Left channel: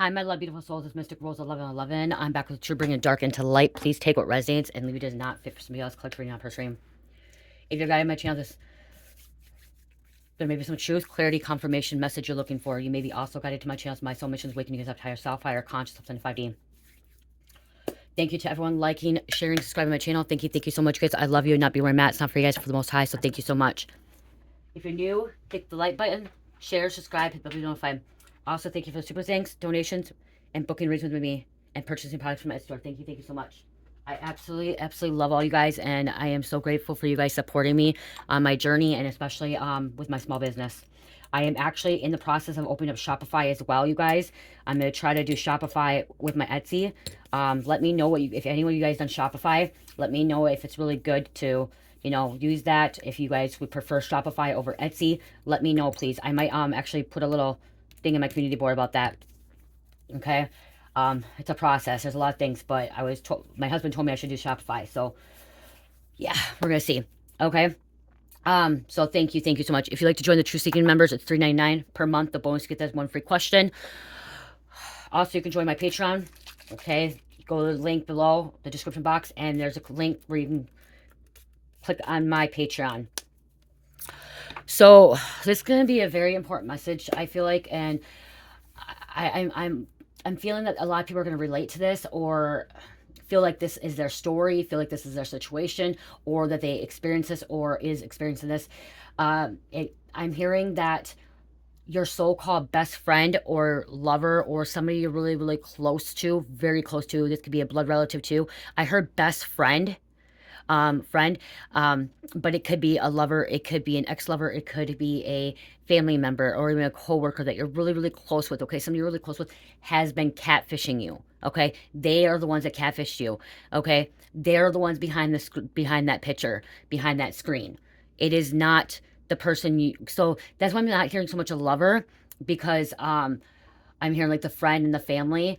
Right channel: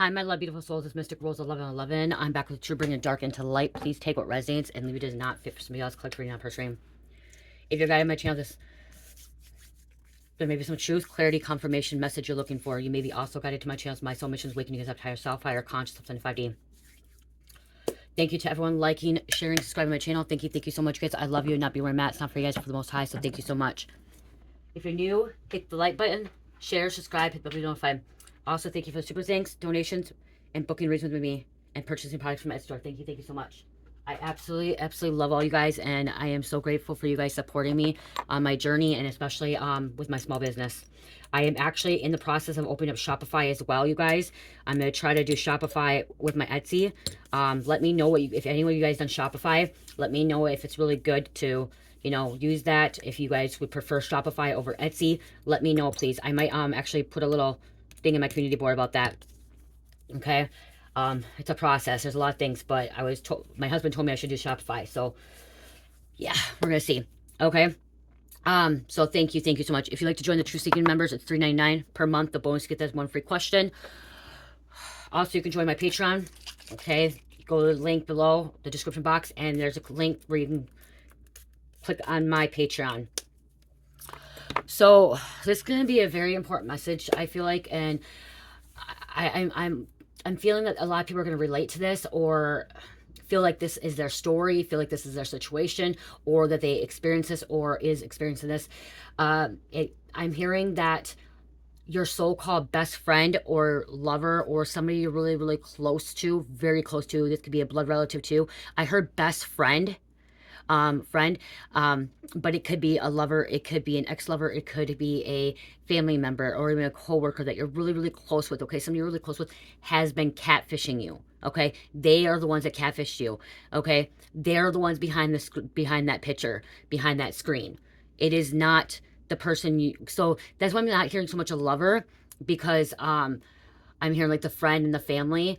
Hi, my love, beautiful souls. It's Mystic Rose 1111. I'm back with True Bringing Dark into Light. Please take what resonates and leave it does not fit for somebody else. Click reading out per stream. If you're guided my channel, there may be some truth, clarity, confirmation, message you're looking for. You may be also guided to my channels. My soul mission is waking you guys up to higher self, higher consciousness, and 5D. Thank you to everyone liking, sharing, subscribing to my channel. Thank you so much, guys. I love you. Not be where I'm at. It's not for you guys, for the most high. So thank you so much. If you're new, hit the like button, share, subscribe, hit the bell notified. Also, thank you for the super thanks, donations, and booking reasons with me and purchasing products from my store. Thank you so much. I absolutely love all you guys, and I am so grateful for you guys supporting me on my journey, and especially with my small business. I am actually in the process of opening up Shopify as well, you guys. I'm going to try to do Shopify with my Etsy. Let me know if anyone of you guys done Shopify. Let me know if it's really good to, you know, use that. If you guys would prefer Shopify over Etsy, let me know, please. I might actually put a little thing in my community board about that. Okay. It's a process. There's a lot of things, but I was told, my husband told me I should do Shopify. So yeah, we're going to see. Okay. So thank you so much. If you'd like to join the True Seeking members, it's $3.99 per month. The bonus, you get that one free question. Also, you can join my Patreon. Okay. Go to the link below the description box, and there's a link where you can click on my Patreon. So this is going to be a very important message, I feel like, and I'm feeling that a lot of people are going to relate to this, or feel like this is their story, feel like this is their situation, or that they experience this or is experiencing this. I'm hearing that your so-called best friend or lover or somebody you're really close to, very close to, this could be a blood relative too. I heard best friend. But it could be a lover, it could be an ex-lover, it could be a family member, or even a co-worker that you're really close with. Okay, somebody you're really close with has been catfishing you. Okay, they are the ones that catfished you. Okay, they're the ones behind that picture, behind that screen. It is not the person you. So that's why I'm not hearing so much a lover, because I'm hearing like the friend and the family,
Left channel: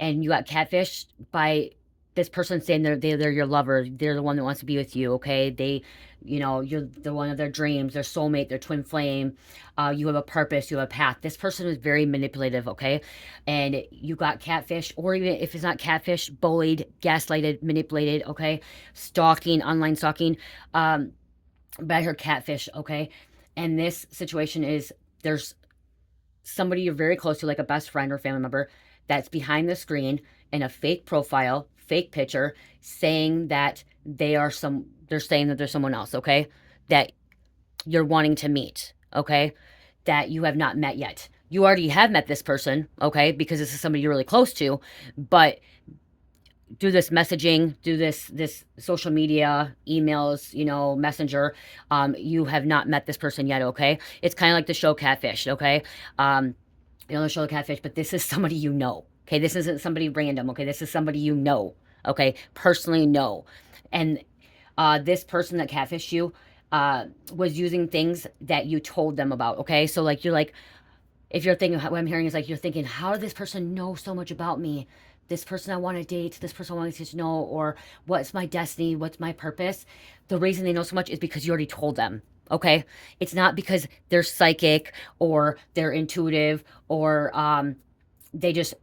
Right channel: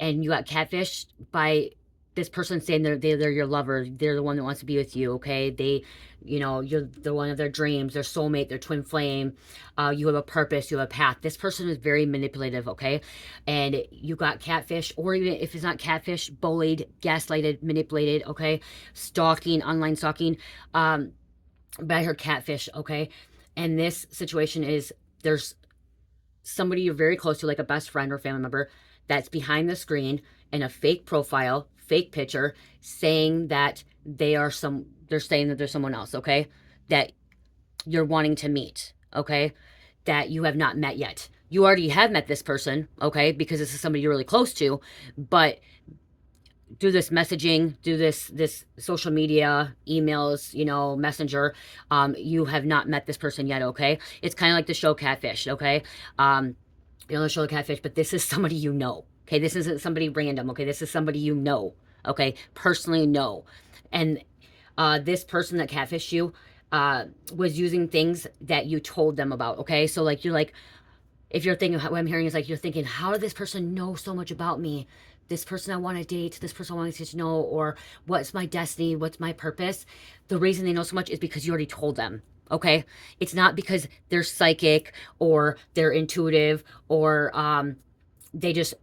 and you got catfished by this person saying they're your lover, they're the one that wants to be with you. Okay, they, you know, you're the one of their dreams, their soulmate, their twin flame. You have a purpose, you have a path. This person is very manipulative. Okay, and you got catfish, or even if it's not catfish, bullied, gaslighted, manipulated. Okay, stalking, online stalking, by her catfish. Okay, and this situation is, there's somebody you're very close to, like a best friend or family member, that's behind the screen in a fake profile, fake picture, saying that they're saying that there's someone else, okay, that you're wanting to meet, okay, that you have not met yet. You already have met this person, okay, because this is somebody you're really close to, but do this messaging, do this social media, emails, you know, messenger, you have not met this person yet. Okay, it's kind of like the show Catfish. Okay, you know, the show Catfish, but this is somebody you know. Okay, this isn't somebody random. Okay, this is somebody you know. Okay, personally know. And this person that catfished you was using things that you told them about. Okay, so like, you're like, if you're thinking, what I'm hearing is like, you're thinking, how did this person know so much about me? This person I want to date, this person I want to know, or what's my destiny, what's my purpose? The reason they know so much is because you already told them. Okay, it's not because they're psychic or they're intuitive, or they just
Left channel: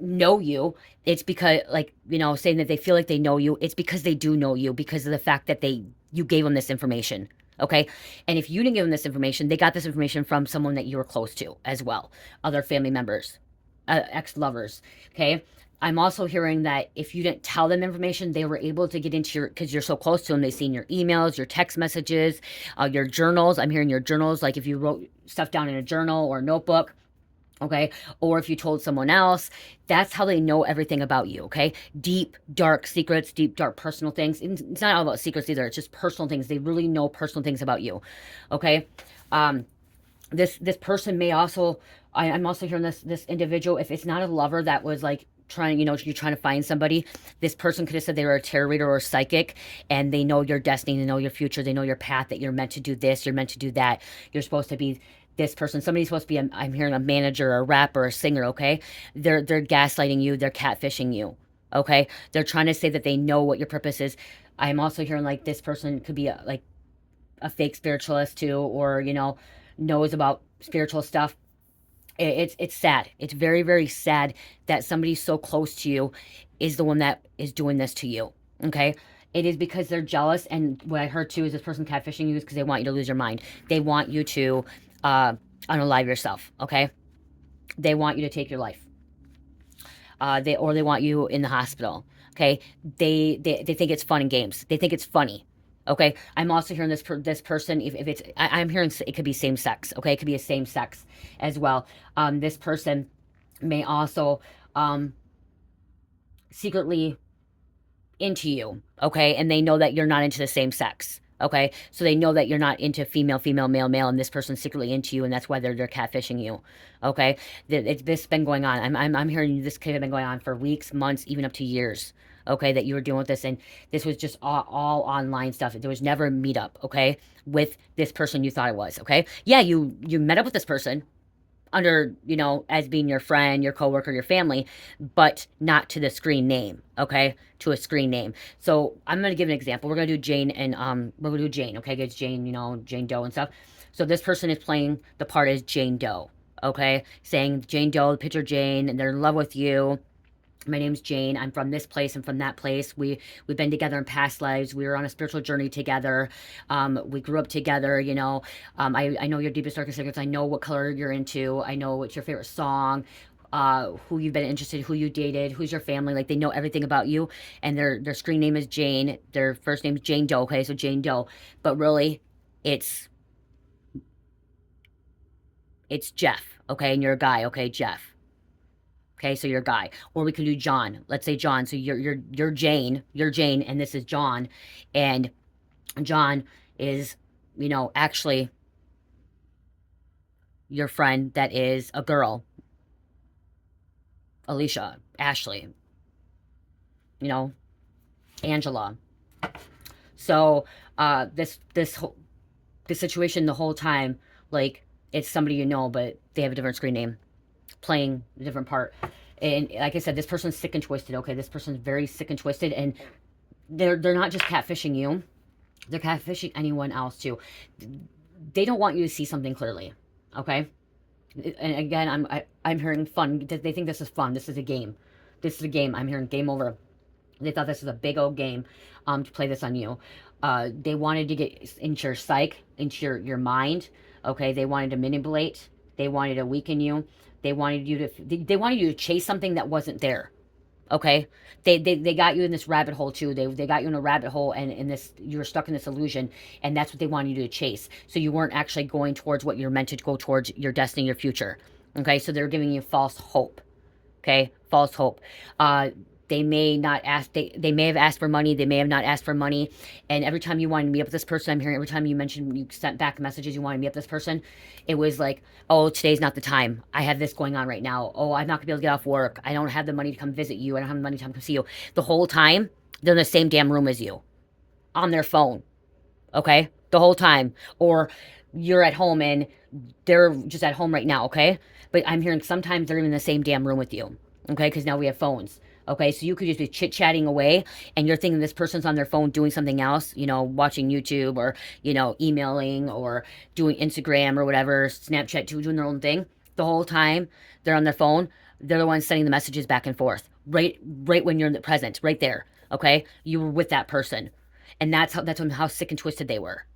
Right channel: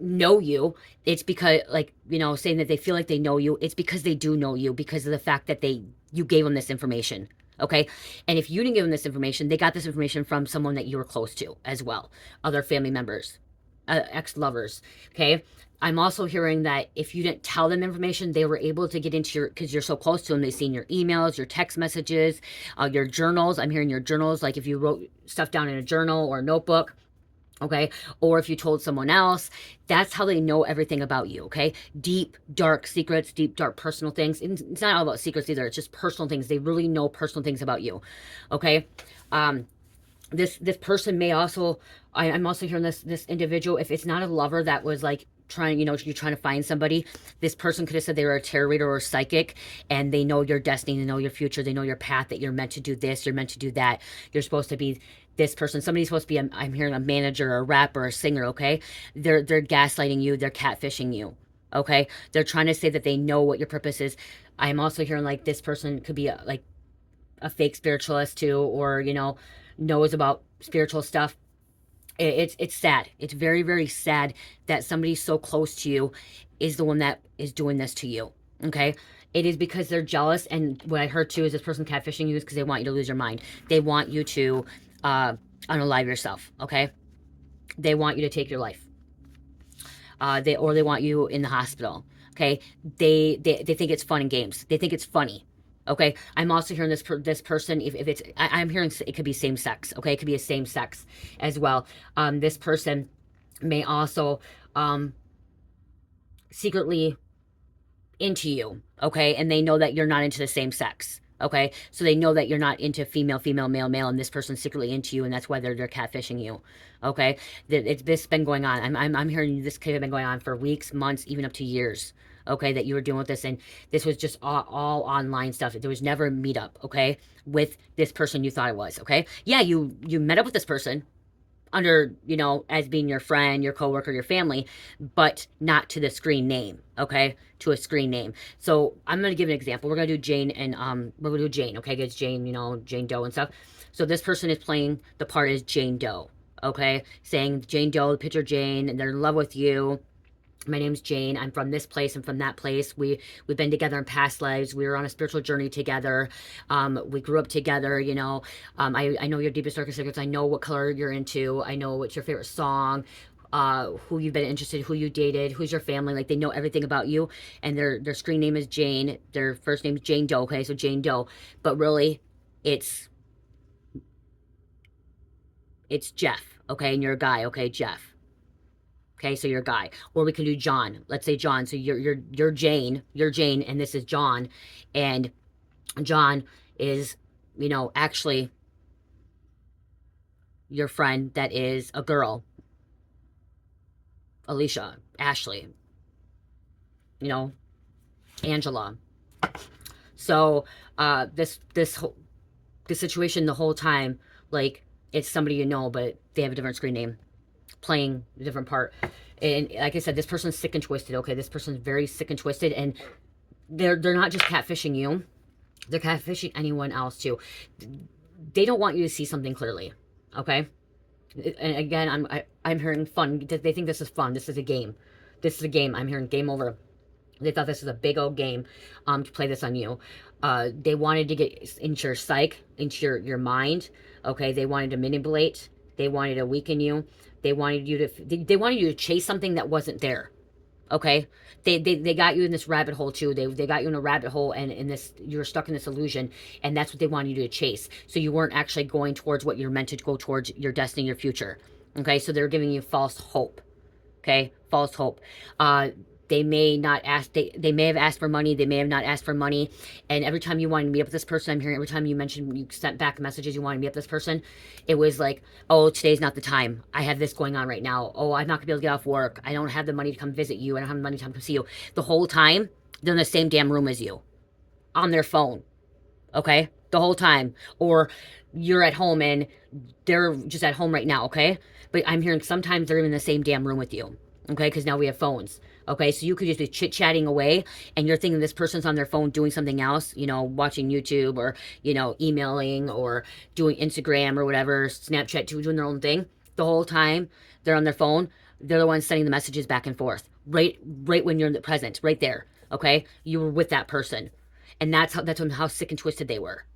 know you. It's because, like, you know, saying that they feel like they know you, it's because they do know you, because of the fact that you gave them this information. Okay, and if you didn't give them this information, they got this information from someone that you were close to as well, other family members, ex-lovers. Okay, I'm also hearing that if you didn't tell them information, they were able to get into your, because you're so close to them, they've seen your emails, your text messages, your journals. I'm hearing your journals, like if you wrote stuff down in a journal or a notebook. Okay, or if you told someone else, that's how they know everything about you. Okay, deep dark secrets, deep dark personal things. It's not all about secrets either, it's just personal things. They really know personal things about you. Okay, this person may also, I'm also hearing this individual, if it's not a lover that was like trying, you know, you're trying to find somebody, this person could have said they were a tarot reader or a psychic, and they know your destiny, they know your future, they know your path, that you're meant to do this, you're meant to do that, you're supposed to be this person. Somebody's supposed to be, I'm hearing a manager, a rapper, a singer. Okay, they're gaslighting you, they're catfishing you. Okay, they're trying to say that they know what your purpose is. I'm also hearing like this person could be like a fake spiritualist too, or, you know, knows about spiritual stuff. It's sad. It's very, very sad that somebody so close to you is the one that is doing this to you. Okay? It is because they're jealous, and what I heard too is this person catfishing you is because they want you to lose your mind. They want you to uh, unalive yourself. Okay? They want you to take your life. They want you in the hospital. Okay? They think it's fun and games. They think it's funny. Okay, I'm also hearing this person. If it's, I'm hearing it could be same sex. Okay, it could be a same sex as well. This person may also secretly into you. Okay, and they know that you're not into the same sex. Okay, so they know that you're not into female, female, male, male, and this person's secretly into you, and that's why they're catfishing you. Okay, this has been going on. I'm hearing this could have been going on for weeks, months, even up to years. Okay, that you were dealing with this, and this was just all online stuff. There was never a meetup. Okay, with this person you thought it was. Okay, yeah, you met up with this person under, as being your friend, your coworker, your family, but not to the screen name, okay? To a screen name. So I'm gonna give an example. We're gonna do Jane and we're gonna do Jane, okay? It's Jane, Jane Doe and stuff. So this person is playing the part as Jane Doe, okay? Saying Jane Doe, picture Jane, and they're in love with you. My name's Jane. I'm from this place. I'm from that place. We've been together in past lives. We were on a spiritual journey together. We grew up together. I know your deepest darkest secrets. I know what color you're into. I know what's your favorite song. Who you've been interested, who you dated, who's your family. Like, they know everything about you. And their screen name is Jane. Their first name is Jane Doe. Okay, so Jane Doe. But really, it's Jeff. Okay, and you're a guy. Okay, Jeff. Okay, so you're a guy. Or we can do John. Let's say John. So you're Jane. You're Jane, and this is John. And John is, actually your friend that is a girl. Alicia, Ashley, Angela. So this situation the whole time, like, it's somebody but they have a different screen name, playing a different part. And like I said, this person's sick and twisted. Okay, this person's very sick and twisted, and they're not just catfishing you, they're catfishing anyone else too. They don't want you to see something clearly. Okay, and again, I'm hearing fun. They think this is fun. This is a game. This is a game. I'm hearing game over. They thought this was a big old game to play this on you. They wanted to get into your psyche, into your mind. Okay, they wanted to manipulate. They wanted to weaken you. They wanted you to chase something that wasn't there. Okay, they got you in this rabbit hole too. They got you in a rabbit hole, and in this, you were stuck in this illusion, and that's what they wanted you to chase. So you weren't actually going towards what you're meant to go towards, your destiny, your future. Okay, so they're giving you false hope. Okay, false hope. They may not ask, they may have asked for money, they may have not asked for money. And every time you wanted to meet up with this person, I'm hearing every time you sent back messages, you wanted to meet up with this person, it was like, oh, today's not the time. I have this going on right now. Oh, I'm not gonna be able to get off work. I don't have the money to come visit you. I don't have the money to come see you. The whole time, they're in the same damn room as you, on their phone. Okay? The whole time. Or you're at home and they're just at home right now, okay? But I'm hearing sometimes they're in the same damn room with you, okay? Because now we have phones. Okay, so you could just be chit-chatting away, and you're thinking this person's on their phone doing something else, watching YouTube, or, emailing, or doing Instagram or whatever, Snapchat, doing their own thing. The whole time they're on their phone, they're the ones sending the messages back and forth, right when you're in the present, right there, okay? You were with that person. And that's how sick and twisted they were.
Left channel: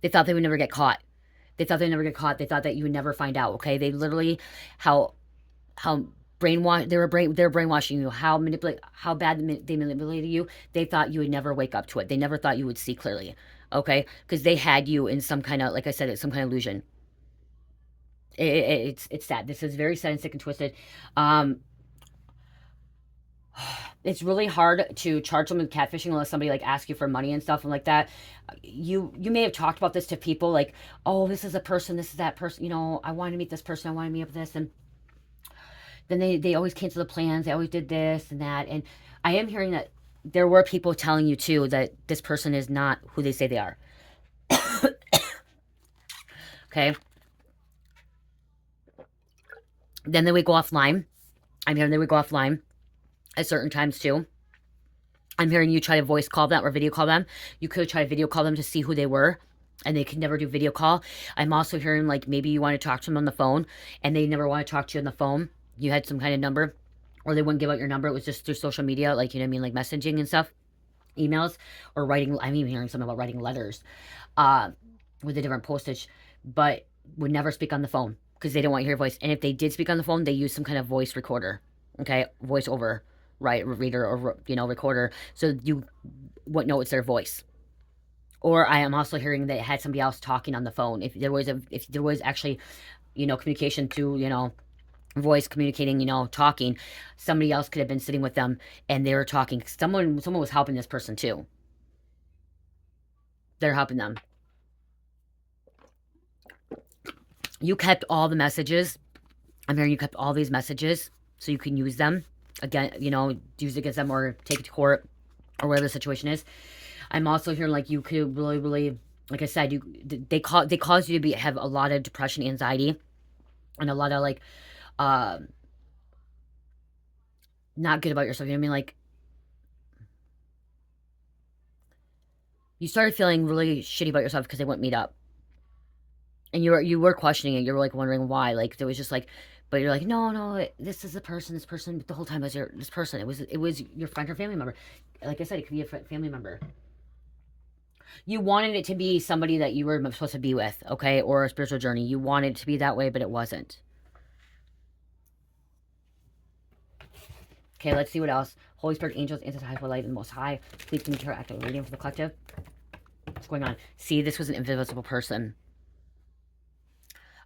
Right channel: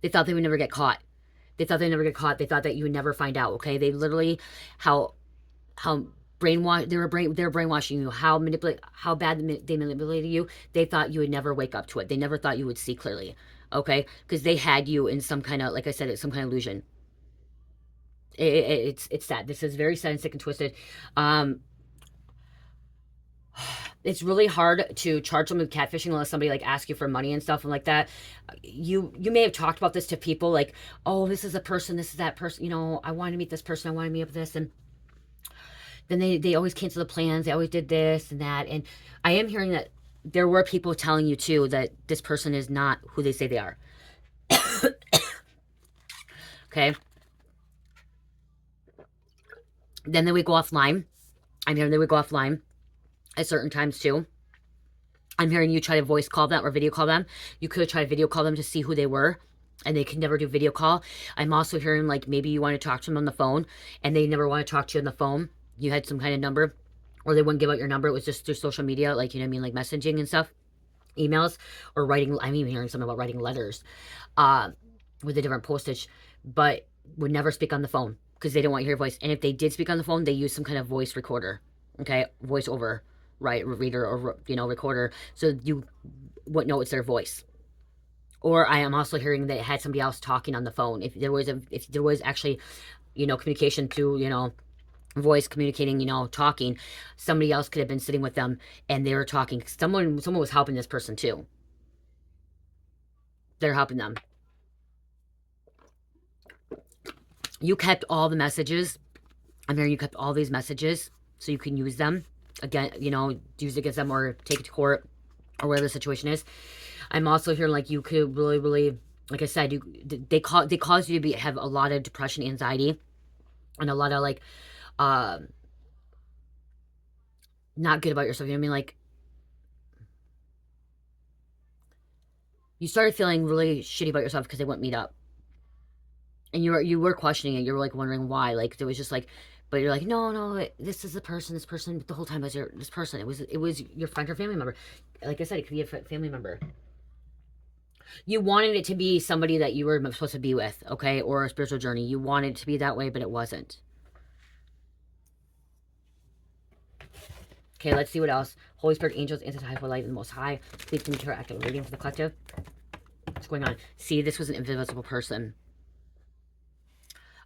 They thought they would never get caught. They thought they'd never get caught. They thought that you would never find out, okay? They literally, how brainwash, they were brainwashing you, how bad they manipulated you. They thought you would never wake up to it. They never thought you would see clearly, okay? Because they had you in some kind of, like I said, it's some kind of illusion. It's sad. This is very sad and sick and twisted. It's really hard to charge them with catfishing unless somebody asks you for money and stuff and like that. You may have talked about this to people, like, oh, this is a person, this is that person, I want to meet this person, I want to meet up with this, and then they always cancel the plans. They always did this and that. And I am hearing that there were people telling you too that this person is not who they say they are. Okay. Then they would go offline. I'm hearing they would go offline at certain times too. I'm hearing you try to voice call them or video call them. You could try to video call them to see who they were. and they can never do video call. I'm also hearing like maybe you want to talk to them on the phone and they never want to talk to you on the phone. You had some kind of number, or they wouldn't give out your number. It was just through social media, like, you know what I mean, like messaging and stuff, emails, or writing. I'm even hearing something about writing letters uh, with a different postage, but would never speak on the phone because they didn't want to hear your voice. And if they did speak on the phone, they used some kind of voice recorder, okay, voice over, right, reader, or, you know, recorder, so you wouldn't know it's their voice. Or I am also hearing that it had somebody else talking on the phone. If there was actually, you know, communication through, you know, voice communicating, you know, talking, somebody else could have been sitting with them and they were talking. Someone was helping this person too. They're helping them. You kept all the messages. I'm hearing you kept all these messages so you can use them again, you know, use it against them or take it to court or whatever the situation is. I'm also hearing like you could really, really, like I said, they cause you to have a lot of depression, anxiety, and a lot of like uh not good about yourself. You know what I mean? Like you started feeling really shitty about yourself because they wouldn't meet up, and you were questioning it. You were like wondering why. Like there was just like, but you're like, no, this is the person. This person. But the whole time was this person. It was your friend or family member. Like I said, it could be a family member. You wanted it to be somebody that you were supposed to be with, okay, or a spiritual journey. You wanted it to be that way, but it wasn't. Okay, let's see what else. Holy Spirit, angels, ancestors, high light, and the Most High. Please come to our active reading for the collective. What's going on? See, this was an invisible person.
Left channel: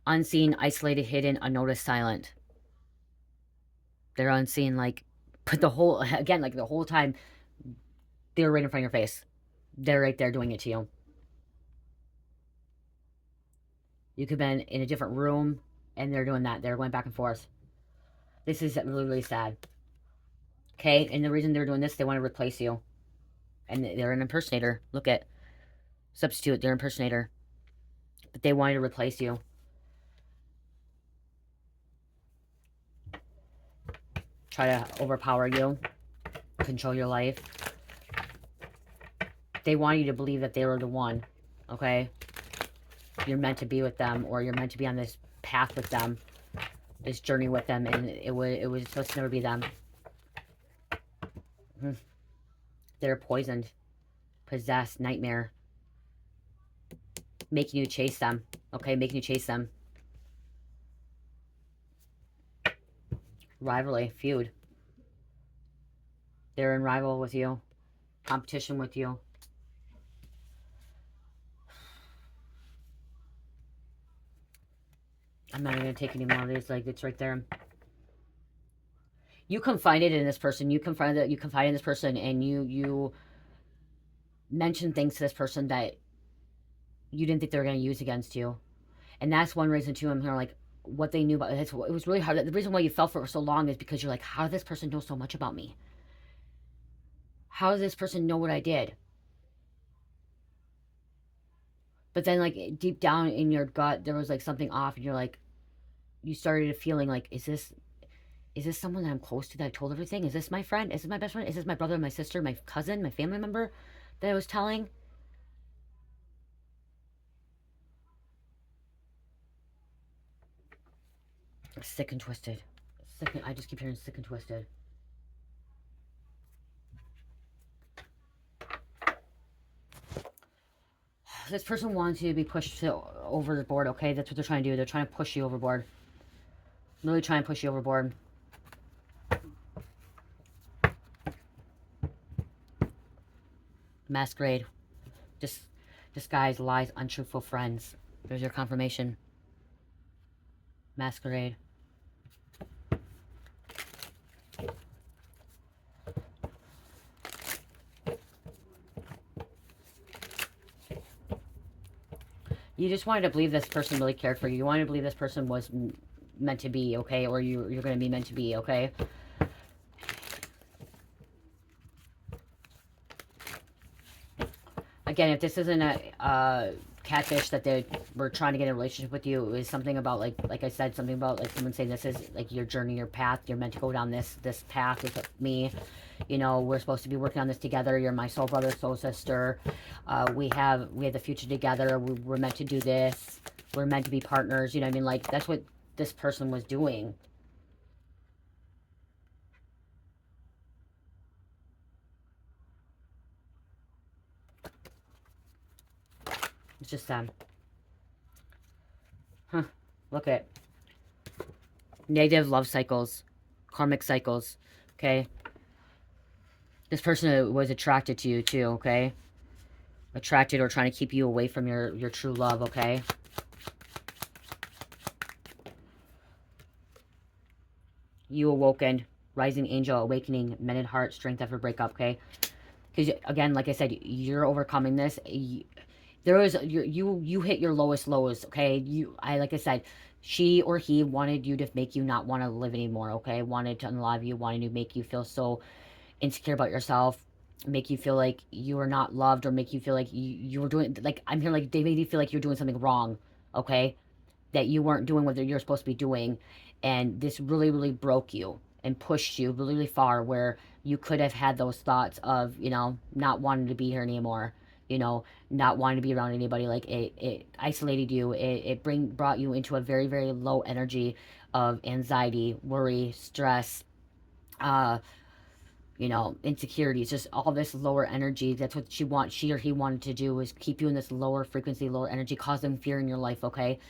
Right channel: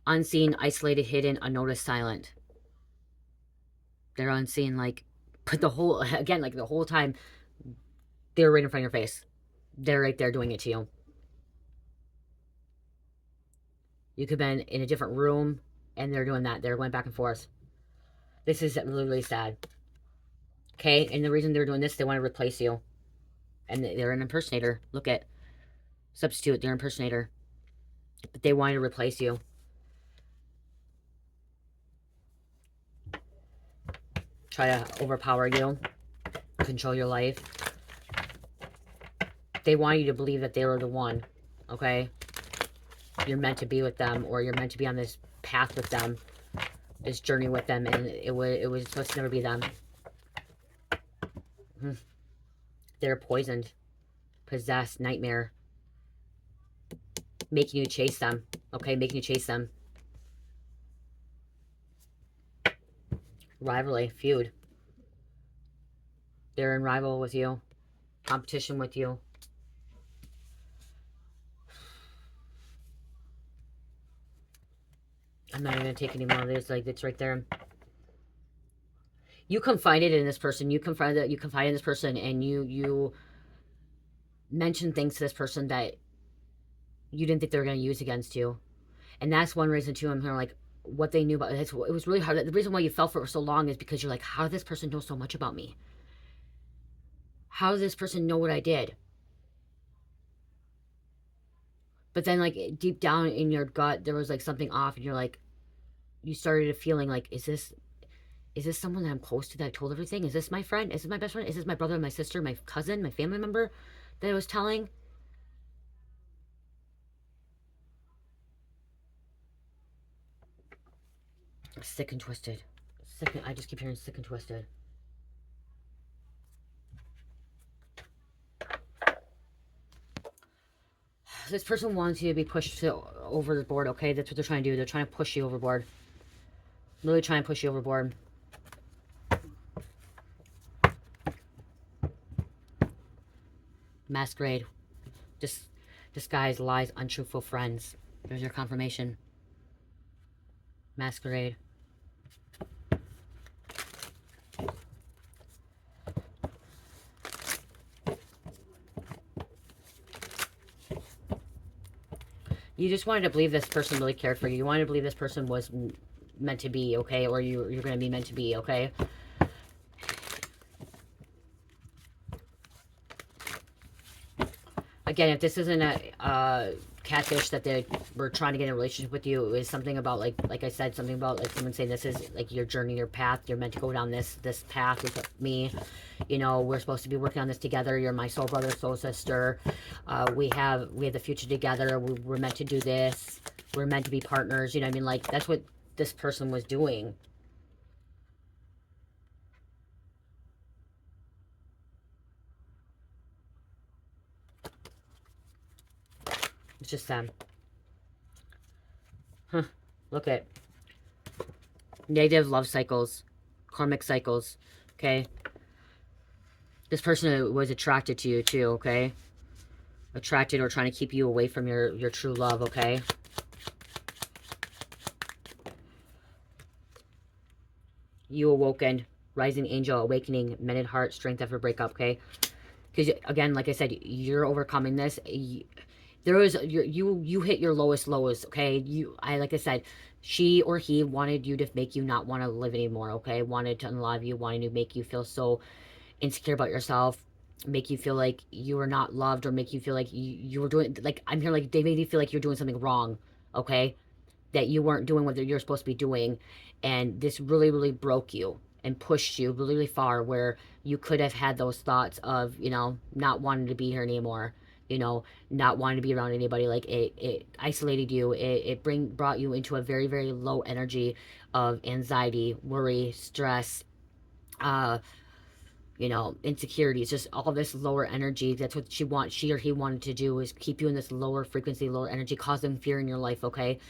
Unseen, isolated, hidden, unnoticed, silent. They're unseen, like, but the whole, again, like the whole time, they're right in front of your face. They're right there doing it to you. You could have been in a different room, and they're doing that. They're going back and forth. This is really, really sad. Okay, and the reason they're doing this, they want to replace you. And they're an impersonator. Look at, substitute, they're an impersonator. But they wanted to replace you. Try to overpower you. Control your life. They want you to believe that they were the one. Okay? You're meant to be with them, or you're meant to be on this path with them. This journey with them, and it was supposed to never be them. They're poisoned. Possessed. Nightmare. Making you chase them. Okay? Making you chase them. Rivalry. Feud. They're in rival with you. Competition with you. I'm not even going to take any more of this. Like, it's right there. You confided in this person. You confided in this person, and you mentioned things to this person that you didn't think they were going to use against you. And that's one reason, too, I'm hearing, like, what they knew about it. It was really hard. The reason why you fell for it for so long is because you're like, how did this person know so much about me? How does this person know what I did? But then, like, deep down in your gut, there was, like, something off, and you're like, you started feeling like, is this someone that I'm close to that I told everything? Is this my friend? Is this my best friend? Is this my brother, my sister, my cousin, my family member that I was telling? Sick and twisted. I just keep hearing sick and twisted. This person wants you to be pushed over the board, okay? That's what they're trying to do. They're trying to push you overboard. Really trying to push you overboard. Masquerade. Disguise, lies, untruthful friends. There's your confirmation. Masquerade. You just wanted to believe this person really cared for you. You wanted to believe this person was meant to be, okay? Or you're going to be meant to be, okay? Again, if this isn't a catfish that they were trying to get in a relationship with you. It was something about like I said, something about like someone saying this is like your journey, your path. You're meant to go down this path with me. You know, we're supposed to be working on this together. You're my soul brother, soul sister. We have the future together. We're meant to do this. We're meant to be partners. You know what I mean? Like, that's what this person was doing. It's just them. Look at negative love cycles, karmic cycles. Okay. This person was attracted to you too. Okay. Attracted or trying to keep you away from your true love. Okay. You awoken, rising angel, awakening, mended heart, strength after breakup. Okay. Because again, like I said, you're overcoming this. There was you hit your lowest lows. Okay. Like I said, she or he wanted you to make you not want to live anymore. Okay. Wanted to unalive you, wanted to make you feel so insecure about yourself, make you feel like you were not loved, or make you feel like you were doing, like, I'm here, like, they made you feel like you're doing something wrong. Okay. That you weren't doing what you're supposed to be doing. And this really, really broke you and pushed you really, really far, where you could have had those thoughts of, you know, not wanting to be here anymore, you know, not wanting to be around anybody. Like, it isolated you. It brought you into a very, very low energy of anxiety, worry, stress, you know, insecurities, just all this lower energy. That's what she or he wanted to do, is keep you in this lower frequency, lower energy, causing fear in your life. Okay.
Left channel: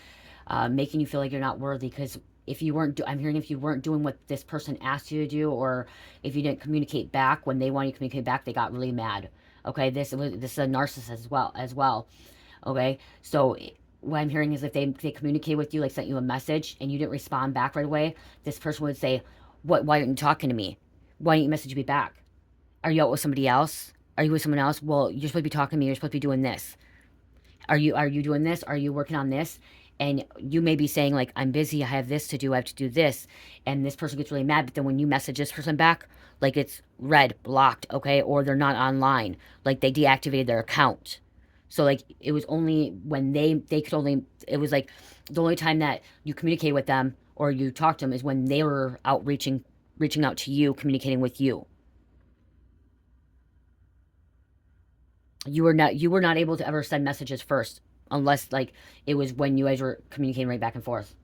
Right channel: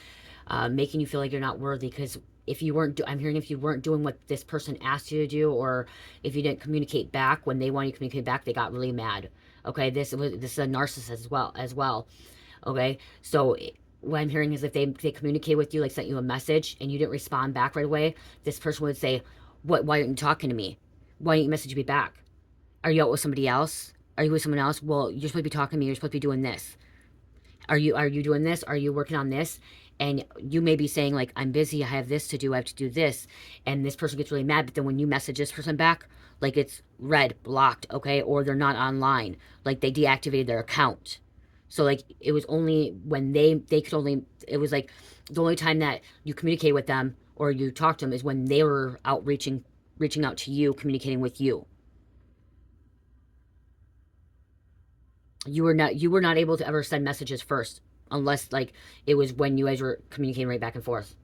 Making you feel like you're not worthy, because if you weren't, I'm hearing, if you weren't doing what this person asked you to do, or if you didn't communicate back when they wanted you to communicate back, they got really mad. Okay. This is a narcissist as well. Okay. So what I'm hearing is, if they communicate with you, like sent you a message and you didn't respond back right away, this person would say, why aren't you talking to me? Why didn't you message me back? Are you out with somebody else? Are you with someone else? Well, you're supposed to be talking to me. You're supposed to be doing this. Are you doing this? Are you working on this? And you may be saying, like, I'm busy, I have this to do, I have to do this. And this person gets really mad. But then when you message this person back, like, it's red, blocked, okay? Or they're not online. Like, they deactivated their account. So, like, it was only when they could only, it was like the only time that you communicate with them or you talk to them is when they were out reaching out to you, communicating with you. You were not able to ever send messages first, unless, like, it was when you guys were communicating right back and forth.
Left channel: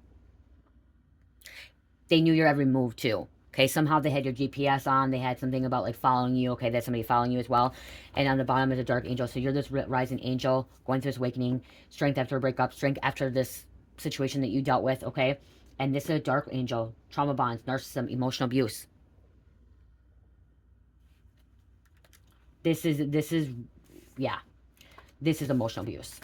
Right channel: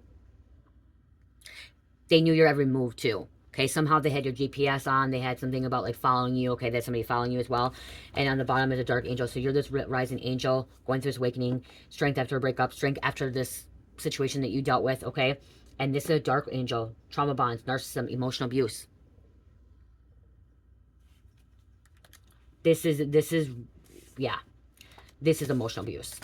They knew your every move too. Okay, somehow they had your GPS on. They had something about, like, following you. Okay, that's somebody following you as well. And on the bottom is a dark angel. So you're this rising angel going through this awakening, strength after a breakup, strength after this situation that you dealt with. Okay, and this is a dark angel, trauma bonds, narcissism, emotional abuse. This is yeah, this is emotional abuse.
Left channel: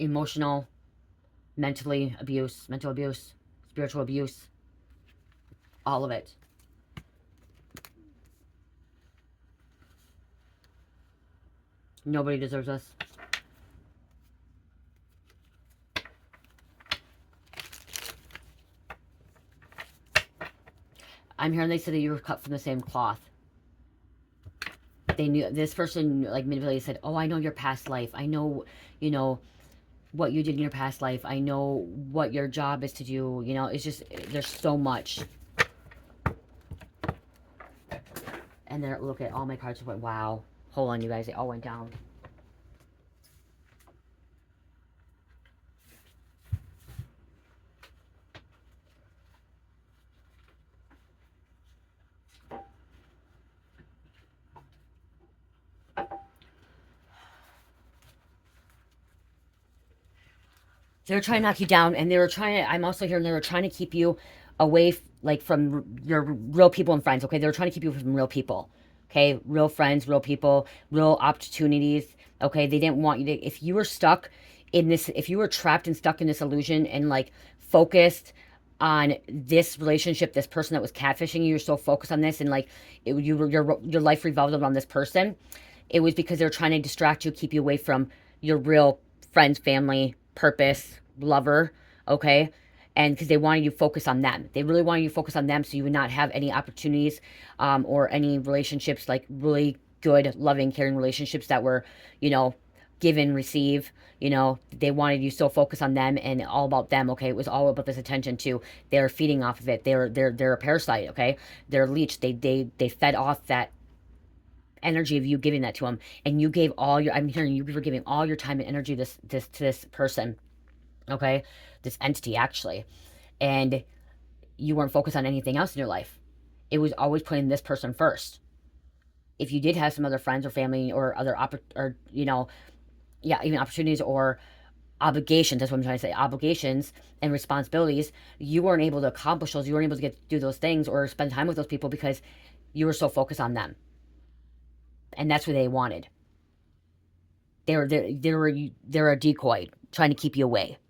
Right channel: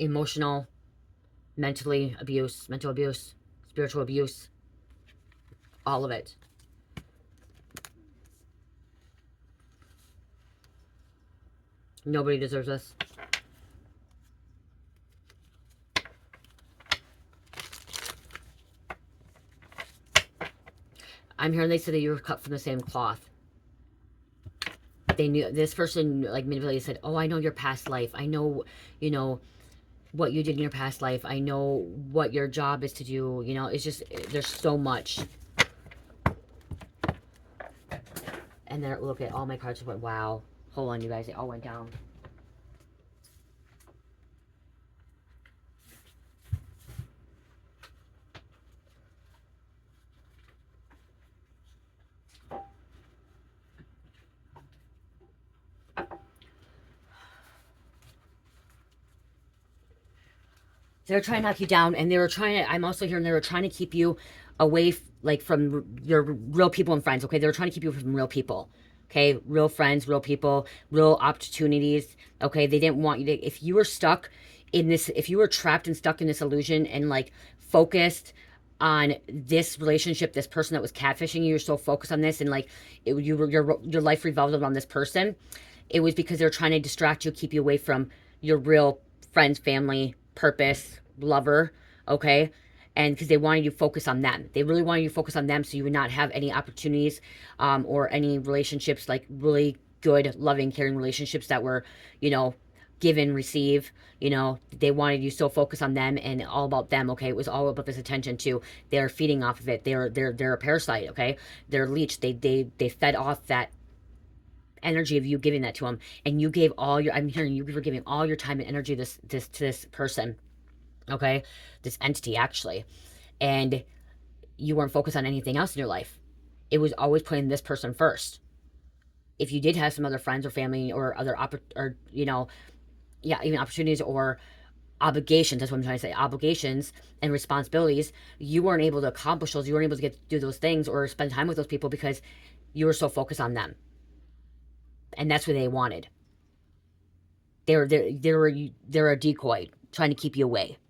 Emotional, mental abuse, spiritual abuse, all of it. Nobody deserves this. I'm hearing they said that you were cut from the same cloth. They knew, this person, like, manipulated, said, oh, I know your past life. I know, you know, what you did in your past life. I know what your job is to do. You know, it's just, there's so much. And then look at all my cards. Went, wow. Hold on, you guys. They all went down. They were trying to knock you down, and they were trying to, I'm also hearing they were trying to keep you away, like, from your real people and friends. Okay, they were trying to keep you from real people. Okay, real friends, real people, real opportunities. Okay, they didn't want you to, if you were stuck in this, if you were trapped and stuck in this illusion and, like, focused on this relationship, this person that was catfishing you, you're so focused on this, and, like, your life revolved around this person. It was because they're trying to distract you, keep you away from your real friends, family, purpose, lover. Okay, And because they wanted you to focus on them. They really wanted you to focus on them so you would not have any opportunities or any relationships, like really good, loving, caring relationships that were, you know, give and receive. You know, they wanted you so focused on them and all about them. Okay, it was all about this attention too. They're feeding off of it. They're a parasite. Okay, they're a leech. They fed off that energy of you giving that to them, and you gave all your. I'm hearing you were giving all your time and energy to this person. Okay, this entity actually, and you weren't focused on anything else in your life. It was always putting this person first. If you did have some other friends or family or other or you know, yeah, even opportunities or obligations, that's what I'm trying to say, obligations and responsibilities, you weren't able to accomplish those. You weren't able to do those things or spend time with those people because you were so focused on them, and that's what they wanted. They're a decoy trying to keep you away.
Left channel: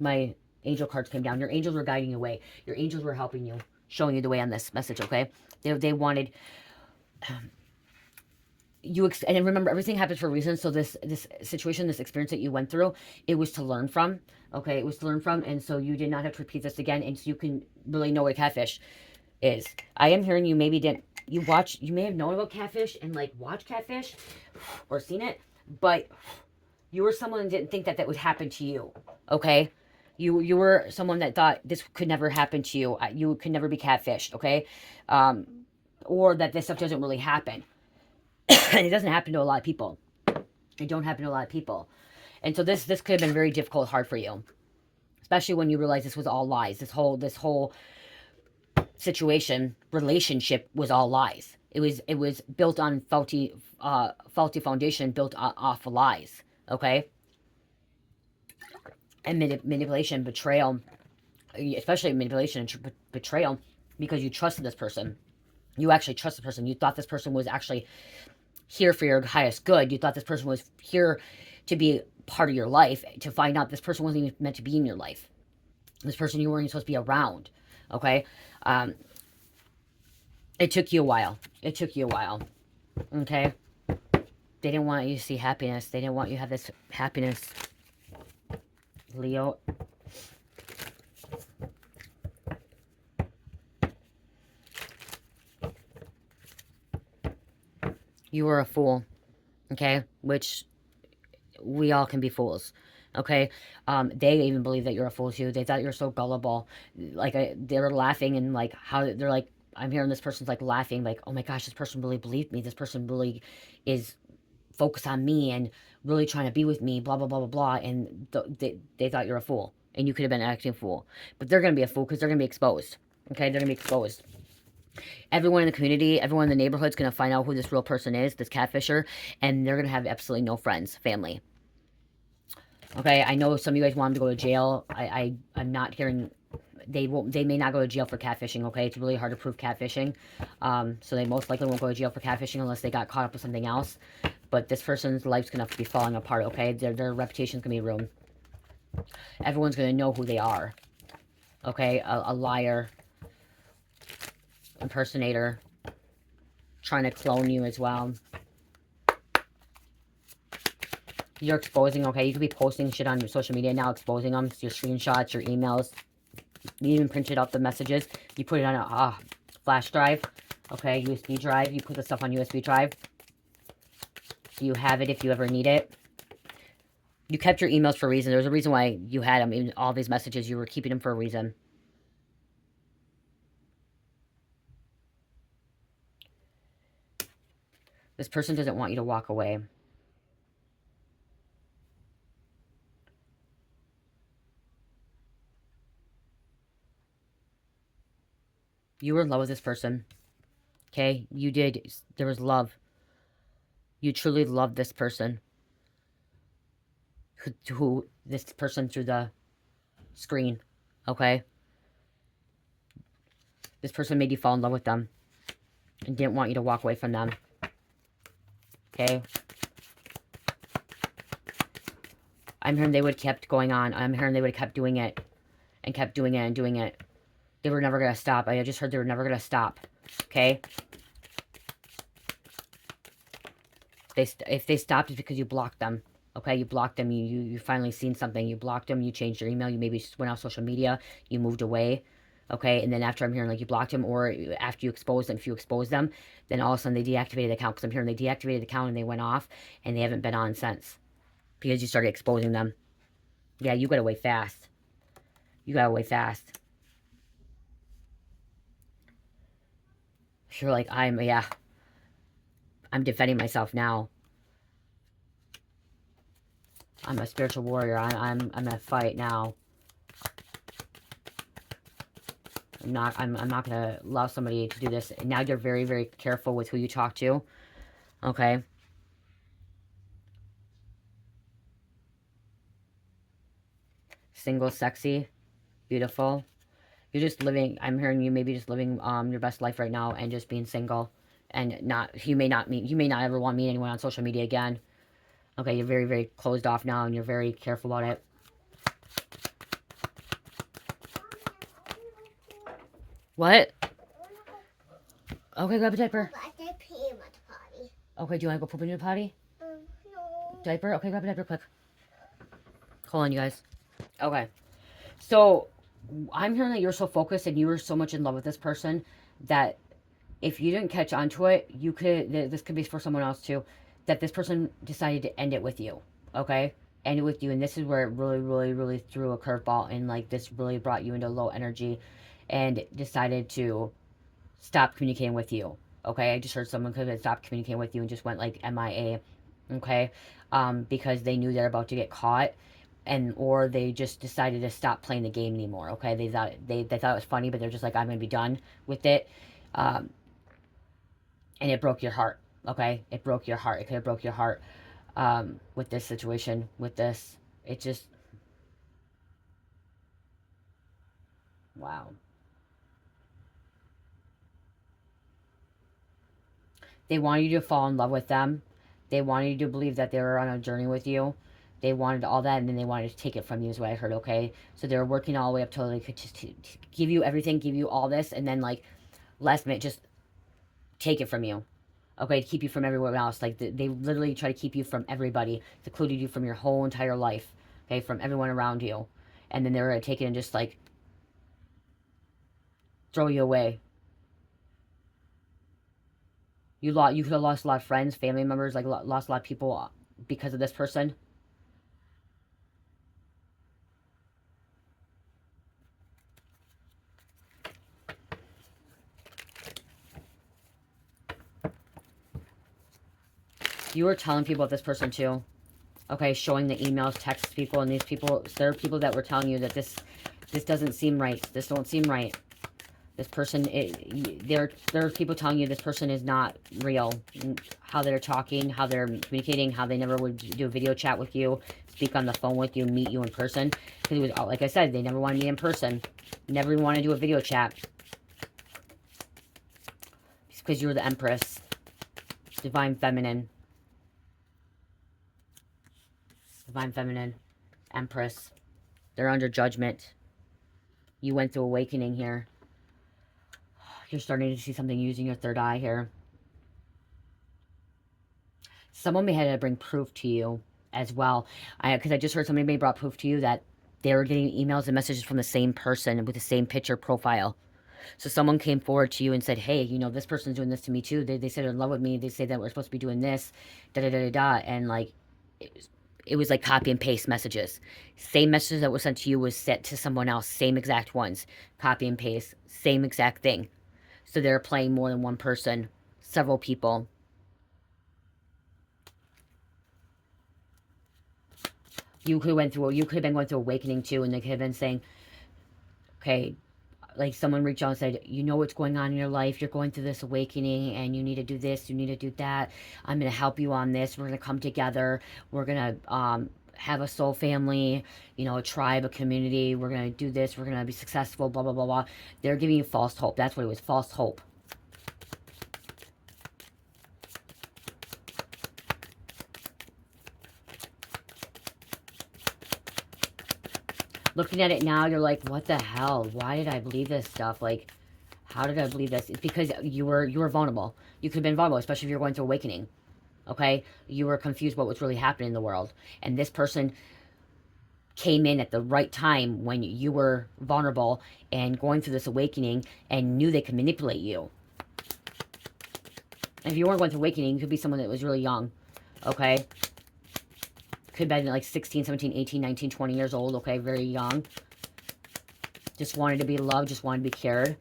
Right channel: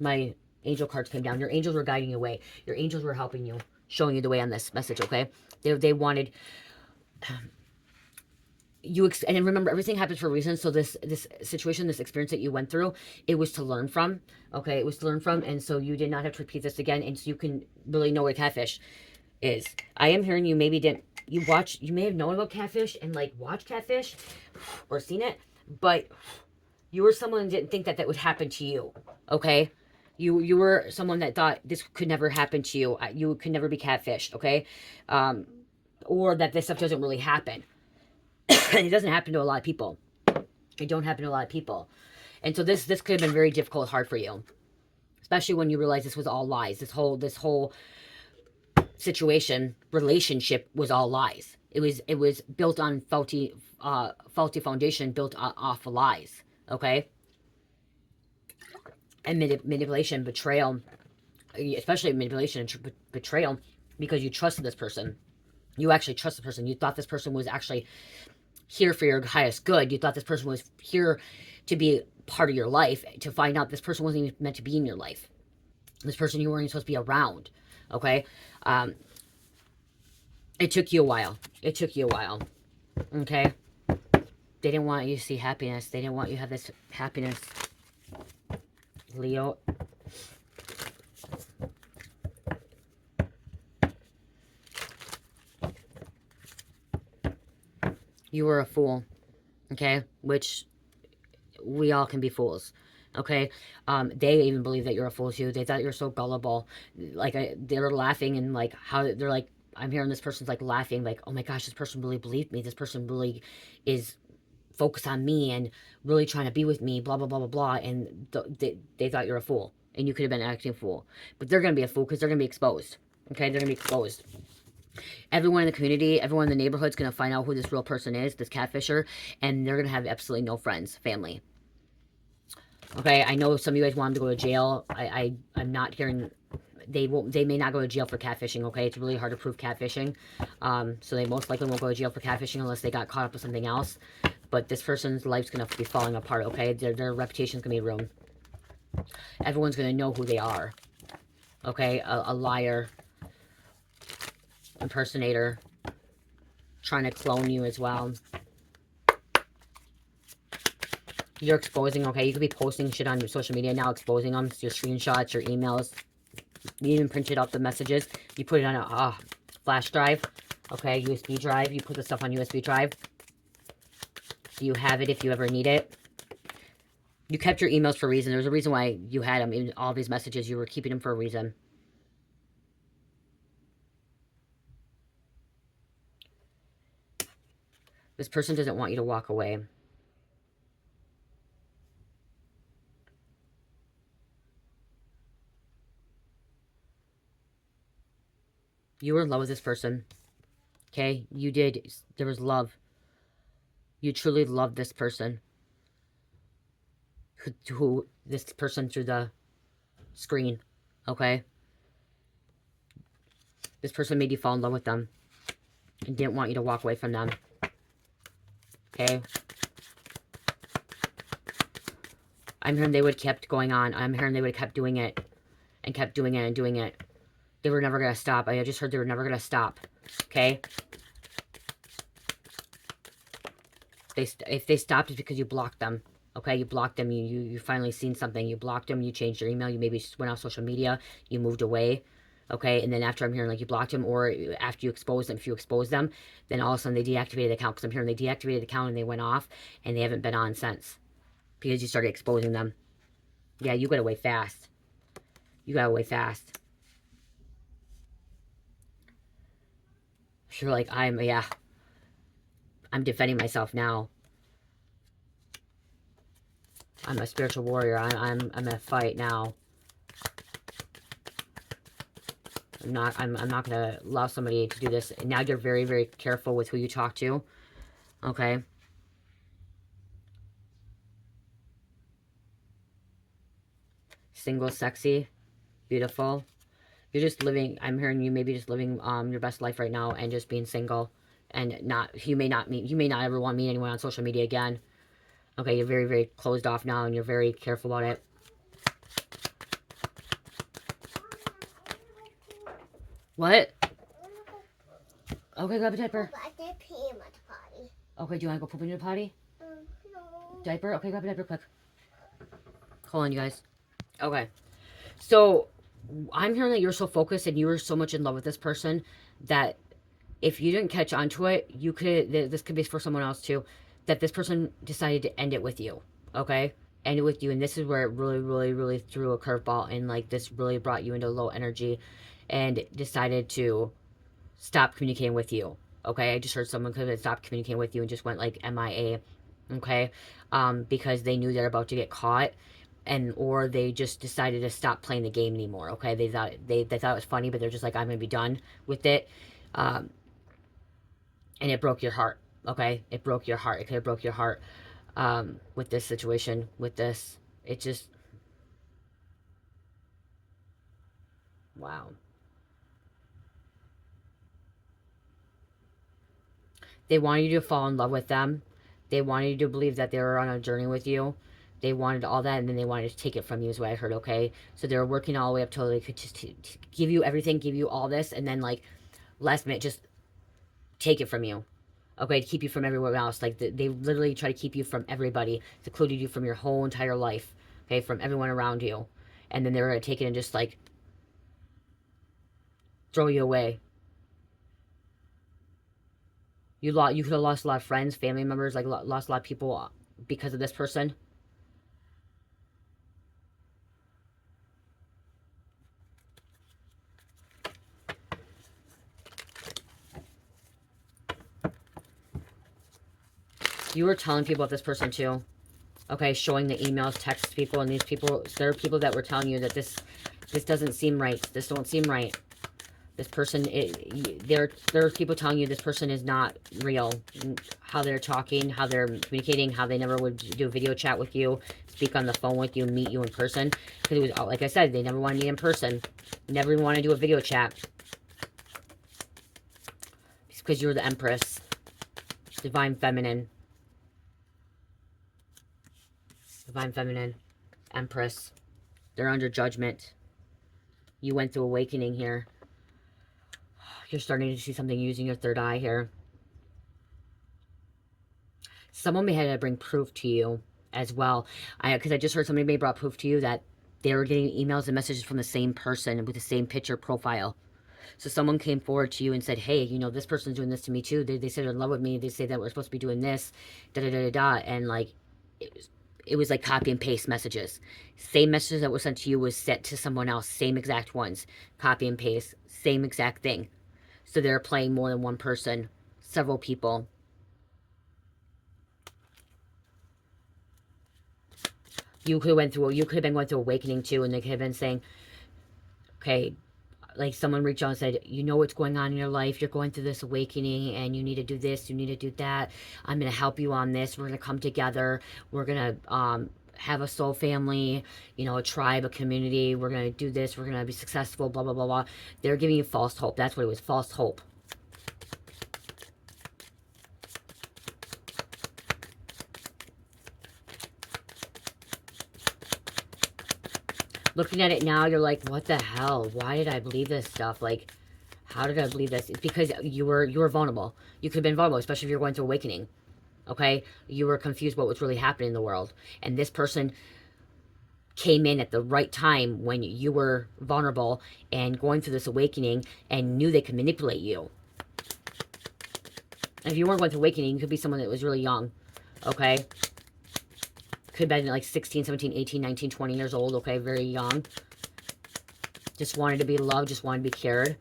My angel cards came down. Your angels were guiding you away. Your angels were helping you, showing you the way on this message. Okay, they wanted you, and remember, everything happens for a reason. So this situation, this experience that you went through, it was to learn from. Okay, it was to learn from, and so you did not have to repeat this again, and so you can really know what catfish is. I am hearing you maybe didn't, you may have known about catfish and like watched catfish or seen it, but you were someone that didn't think that would happen to you. Okay, you were someone that thought this could never happen to you. You could never be catfished. Okay, or that this stuff doesn't really happen. And it doesn't happen to a lot of people. It don't happen to a lot of people. And so this could have been very difficult, hard for you, especially when you realize this was all lies. This whole situation, relationship was all lies. It was built on faulty foundation, built off of lies. Okay, and manipulation, betrayal, especially manipulation and betrayal, because you trusted this person. You actually trusted the person. You thought this person was actually here for your highest good. You thought this person was here to be part of your life, to find out this person wasn't even meant to be in your life. This person you weren't even supposed to be around. Okay, it took you a while. It took you a while. Okay, they didn't want you to see happiness. They didn't want you to have this happiness, Leo. You were a fool. Okay, which we all can be fools. Okay, they even believe that you're a fool too. They thought you're so gullible. Like they're laughing, and like how they're like, I'm hearing this person's like laughing, like, oh my gosh, this person really believed me. This person really is focused on me and really trying to be with me. Blah blah blah blah blah. And they thought you're a fool, and you could have been acting a fool. But they're gonna be a fool because they're gonna be exposed. Okay, they're gonna be exposed. Everyone in the community, everyone in the neighborhood is going to find out who this real person is, this catfisher, and they're going to have absolutely no friends, family. Okay, I know some of you guys want them to go to jail. I'm not hearing, they may not go to jail for catfishing. Okay, it's really hard to prove catfishing, so they most likely won't go to jail for catfishing unless they got caught up with something else. But this person's life's going to be falling apart. Okay, their reputation's going to be ruined. Everyone's going to know who they are. Okay, a liar, impersonator, trying to clone you as well. You're exposing, okay? You could be posting shit on your social media now, exposing them, your screenshots, your emails. You even printed out the messages. You put it on a flash drive, okay? USB drive. You put the stuff on USB drive. You have it if you ever need it. You kept your emails for a reason. There's a reason why you had them. Even all these messages, you were keeping them for a reason. This person doesn't want you to walk away. You were in love with this person. Okay? You did. There was love. You truly loved this person. Who this person through the screen. Okay? This person made you fall in love with them and didn't want you to walk away from them. Okay? I'm hearing they would have kept going on. I'm hearing they would have kept doing it and kept doing it and doing it. They were never going to stop. I just heard they were never going to stop. Okay? If they stopped, it's because you blocked them. Okay, you blocked them. You finally seen something. You blocked them. You changed your email. You maybe went off social media. You moved away. Okay, and then after I'm hearing like you blocked them, or after you exposed them, if you expose them, then all of a sudden they deactivated the account, because I'm hearing they deactivated the account and they went off and they haven't been on since because you started exposing them. Yeah, you got away fast. You got away fast. You're like, yeah, I'm defending myself now. I'm a spiritual warrior. I'm gonna fight now. I'm not gonna allow somebody to do this. And now you're very, very careful with who you talk to. Okay. Single, sexy, beautiful. You're just living, I'm hearing you maybe just living your best life right now and just being single, and you may not ever want to meet anyone on social media again. Okay, you're very, very closed off now and you're very careful about it. What? Okay, grab a diaper. Okay, do you want to go poop in your potty? No. Diaper? Okay, grab a diaper quick. Hold on, you guys. Okay. So, I'm hearing that you're so focused and you were so much in love with this person that if you didn't catch on to it, you could, this could be for someone else too, that this person decided to end it with you. Okay? End it with you. And this is where it really, really, really threw a curveball, and like this really brought you into low energy and decided to stop communicating with you. Okay? I just heard someone could have stopped communicating with you and just went like MIA. Okay? Because they knew they're about to get caught, and or they just decided to stop playing the game anymore. Okay? They thought it was funny, but they're just like, I'm gonna be done with it. And it broke your heart. Okay? It broke your heart. It could have broke your heart with this situation, with this. It just, wow. They wanted you to fall in love with them. They wanted you to believe that they were on a journey with you. They wanted all that, and then they wanted to take it from you, is what I heard, okay? So they were working all the way up till they could just give you everything, give you all this, and then, like, last minute, just take it from you. Okay, to keep you from everyone else. Like, they literally try to keep you from everybody, secluded you from your whole entire life, okay, from everyone around you. And then they were going to take it and just, like, throw you away. You could have lost a lot of friends, family members, like, lost a lot of people because of this person. You were telling people about this person too. Okay, showing the emails, texts people, and these people, there are people that were telling you that this doesn't seem right. This don't seem right. This person, there are people telling you this person is not real. How they're talking, how they're communicating, how they never would do a video chat with you, speak on the phone with you, meet you in person. Because it was, like I said, they never want to meet in person. Never want to do a video chat. It's because you're the Empress. Divine Feminine. Divine Feminine. Empress. They're under judgment. You went through awakening here. You're starting to see something using your third eye here. Someone may have to bring proof to you as well. Because I just heard somebody may have brought proof to you that they were getting emails and messages from the same person with the same picture profile. So someone came forward to you and said, hey, you know, this person's doing this to me too. They said they're in love with me. They say that we're supposed to be doing this, da-da-da-da-da. And, like, it was like copy and paste messages. Same messages that was sent to you was sent to someone else. Same exact ones. Copy and paste. Same exact thing. So they're playing more than one person, several people. You could have been going through awakening too, and they could have been saying, okay, like someone reached out and said, you know what's going on in your life, you're going through this awakening, and you need to do this, you need to do that, I'm going to help you on this, we're going to come together, we're going to have a soul family, you know, a tribe, a community, we're going to do this, we're going to be successful, blah, blah, blah, blah. They're giving you false hope. That's what it was, false hope. Looking at it now, you're like, what the hell? Why did I believe this stuff? Like, how did I believe this? It's because you were vulnerable. You could have been vulnerable, especially if you're going through awakening. Okay? You were confused what was really happening in the world. And this person came in at the right time when you were vulnerable and going through this awakening and knew they could manipulate you. And if you weren't going through awakening, you could be someone that was really young. Okay? Could have been like 16, 17, 18, 19, 20 years old. Okay? Very young. Just wanted to be loved. Just wanted to be cared.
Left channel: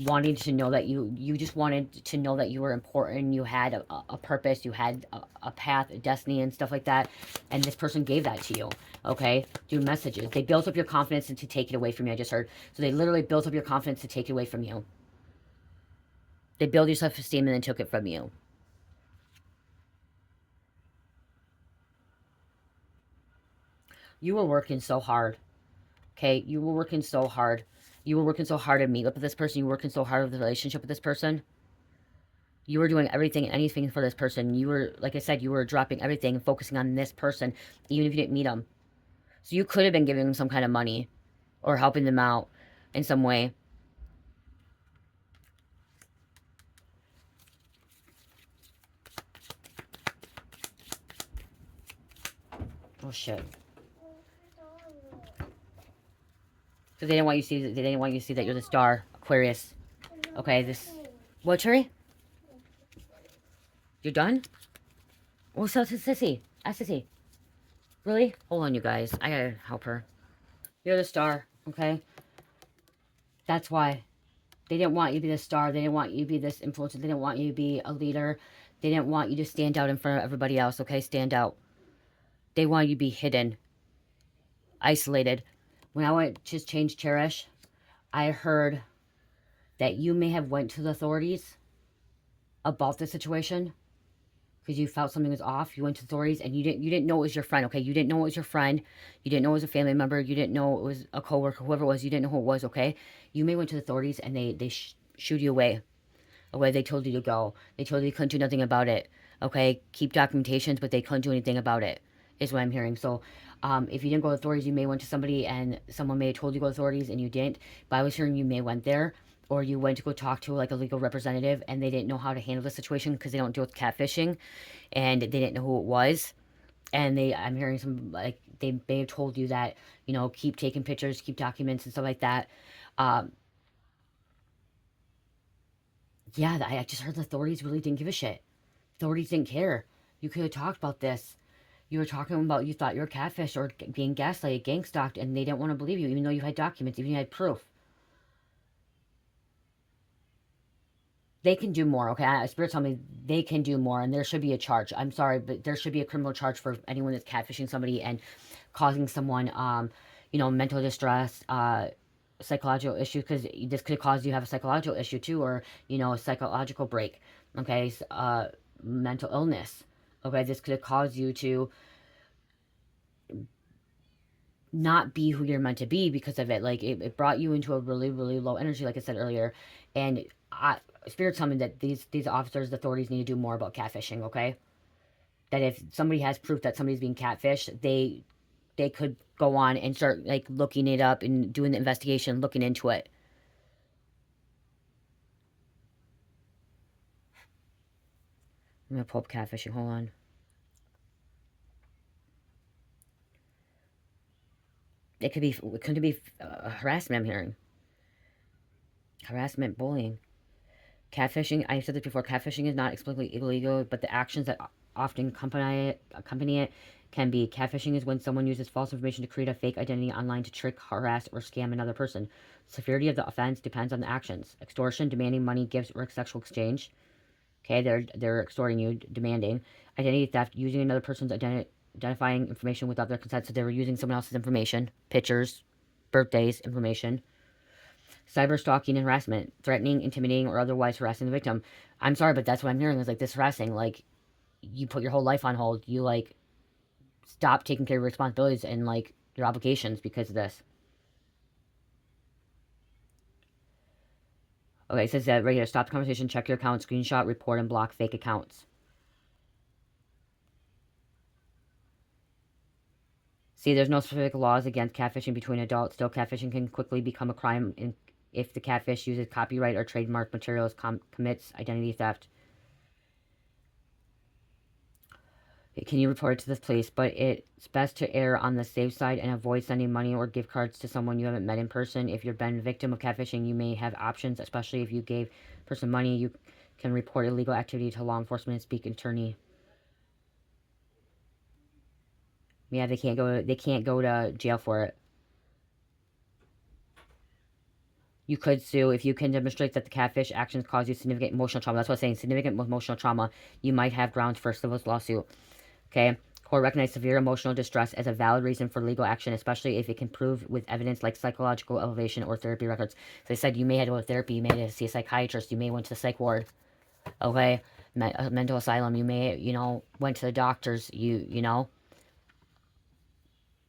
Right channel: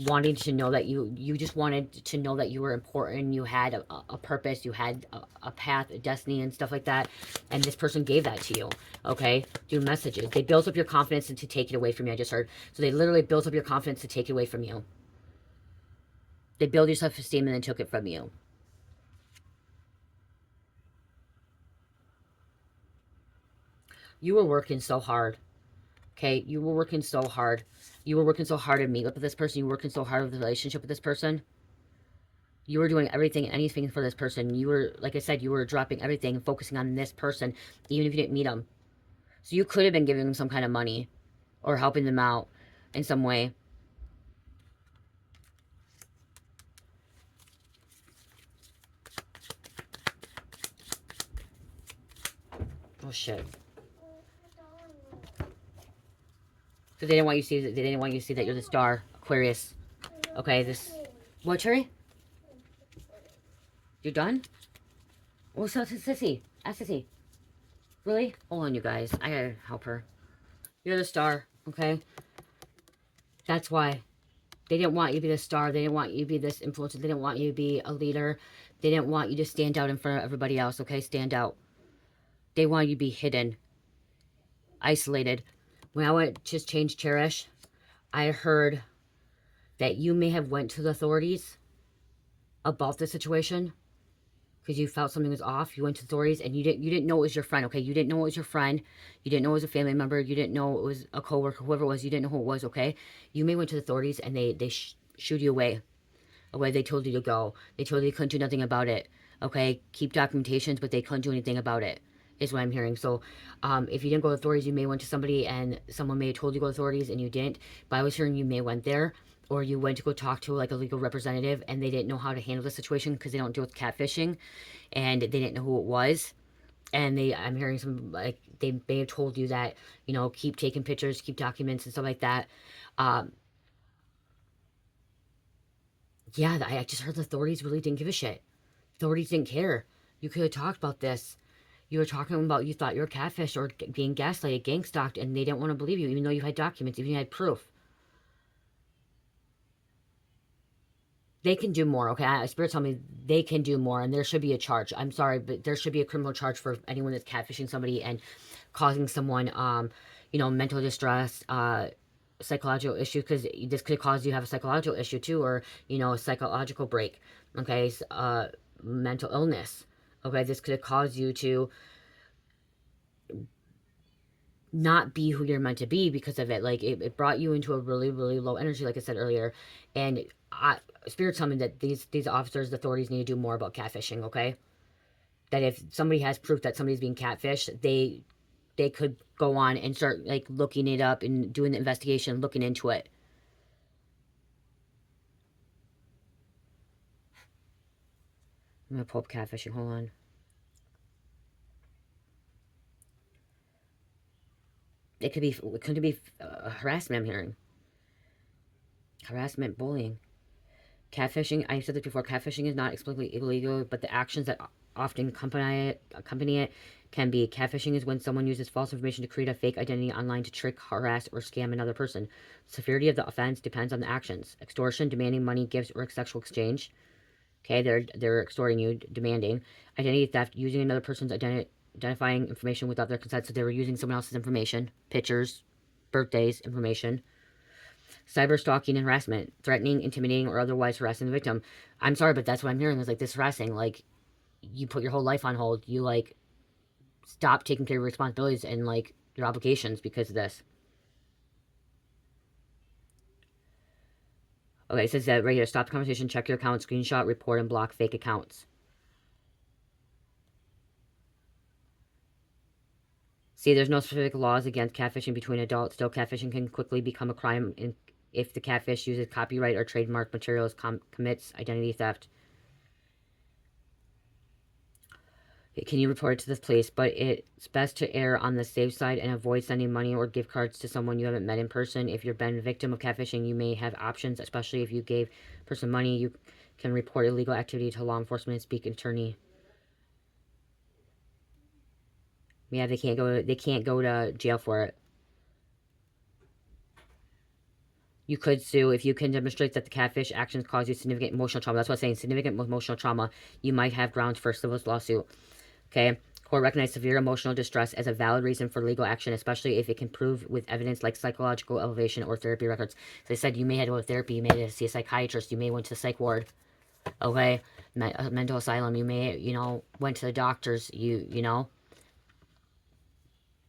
Wanting to know that you just wanted to know that you were important, you had a purpose, you had a path, a destiny, and stuff like that. And this person gave that to you, okay? Through messages. They built up your confidence and to take it away from you, I just heard. So they literally built up your confidence to take it away from you. They built your self-esteem and then took it from you. You were working so hard, okay? You were working so hard. You were working so hard to meet up with this person. You were working so hard with the relationship with this person. You were doing everything and anything for this person. You were, like I said, you were dropping everything and focusing on this person, even if you didn't meet them. So you could have been giving them some kind of money or helping them out in some way. Oh shit! Because they didn't want you to see. They didn't want you to see that you're the star, Aquarius. Okay, this. What, Cherry? You're done? What's up, Sissy? Ask Sissy. Really? Hold on, you guys. I gotta help her. You're the star, okay? That's why. They didn't want you to be the star. They didn't want you to be this influencer. They didn't want you to be a leader. They didn't want you to stand out in front of everybody else, okay? Stand out. They want you to be hidden, isolated. When I went to change Cherish, I heard that you may have went to the authorities about the situation because you felt something was off. You went to authorities and you didn't know it was your friend, okay? You didn't know it was your friend. You didn't know it was a family member. You didn't know it was a coworker, whoever it was. You didn't know who it was, okay? You may went to the authorities and they shooed you away. Away, they told you to go. They told you they couldn't do nothing about it, okay? Keep documentations, but they couldn't do anything about it, is what I'm hearing. So if you didn't go to authorities, you may went to somebody and someone may have told you to go to authorities and you didn't. But I was hearing you may went there or you went to go talk to like a legal representative and they didn't know how to handle the situation because they don't deal with catfishing and they didn't know who it was. And I'm hearing some, like, they may have told you that, you know, keep taking pictures, keep documents and stuff like that. Yeah, I just heard the authorities really didn't give a shit. Authorities didn't care. You could have talked about this. You were talking about you thought you were catfish or being gaslighted, gang stalked, and they didn't want to believe you, even though you had documents, even you had proof. They can do more, okay? Spirit told me they can do more, and there should be a charge. I'm sorry, but there should be a criminal charge for anyone that's catfishing somebody and causing someone, you know, mental distress, psychological issues, because this could cause you to have a psychological issue too, or, you know, a psychological break, okay? Mental illness, okay? This could cause you to not be who you're meant to be because of it. Like, it brought you into a really, really low energy, like I said earlier. And Spirit's telling me that these officers, the authorities need to do more about catfishing, okay? That if somebody has proof that somebody's being catfished, they could go on and start, like, looking it up and doing the investigation, looking into it. I'm gonna pull up catfishing, hold on. It could be harassment, I'm hearing. Harassment, bullying. Catfishing, I said this before, catfishing is not explicitly illegal, but the actions that often accompany it can be. Catfishing is when someone uses false information to create a fake identity online to trick, harass, or scam another person. The severity of the offense depends on the actions. Extortion, demanding money, gifts, or sexual exchange. Okay, they're extorting you, demanding. Identity theft, using another person's identifying information without their consent. So they were using someone else's information, pictures, birthdays, information. Cyber stalking and harassment, threatening, intimidating, or otherwise harassing the victim. I'm sorry, but that's what I'm hearing is like this harassing. Like, you put your whole life on hold. You, like, stop taking care of your responsibilities and, like, your obligations because of this. Okay, it says that right here. Stop the conversation, check your account, screenshot, report, and block fake accounts. See, there's no specific laws against catfishing between adults. Still, catfishing can quickly become a crime if the catfish uses copyright or trademark materials, commits identity theft. Can you report it to this police? But it's best to err on the safe side and avoid sending money or gift cards to someone you haven't met in person. If you've been a victim of catfishing, you may have options, especially if you gave a person money. You can report illegal activity to law enforcement and speak attorney. Yeah, they can't go to jail for it. You could sue if you can demonstrate that the catfish actions cause you significant emotional trauma. That's what I'm saying, significant emotional trauma. You might have grounds for a civil lawsuit. Okay? Court recognizes severe emotional distress as a valid reason for legal action, especially if it can prove with evidence like psychological elevation or therapy records. So they said you may have to go to therapy, you may have to see a psychiatrist, you may went to the psych ward, okay? Mental asylum, you may, went to the doctors,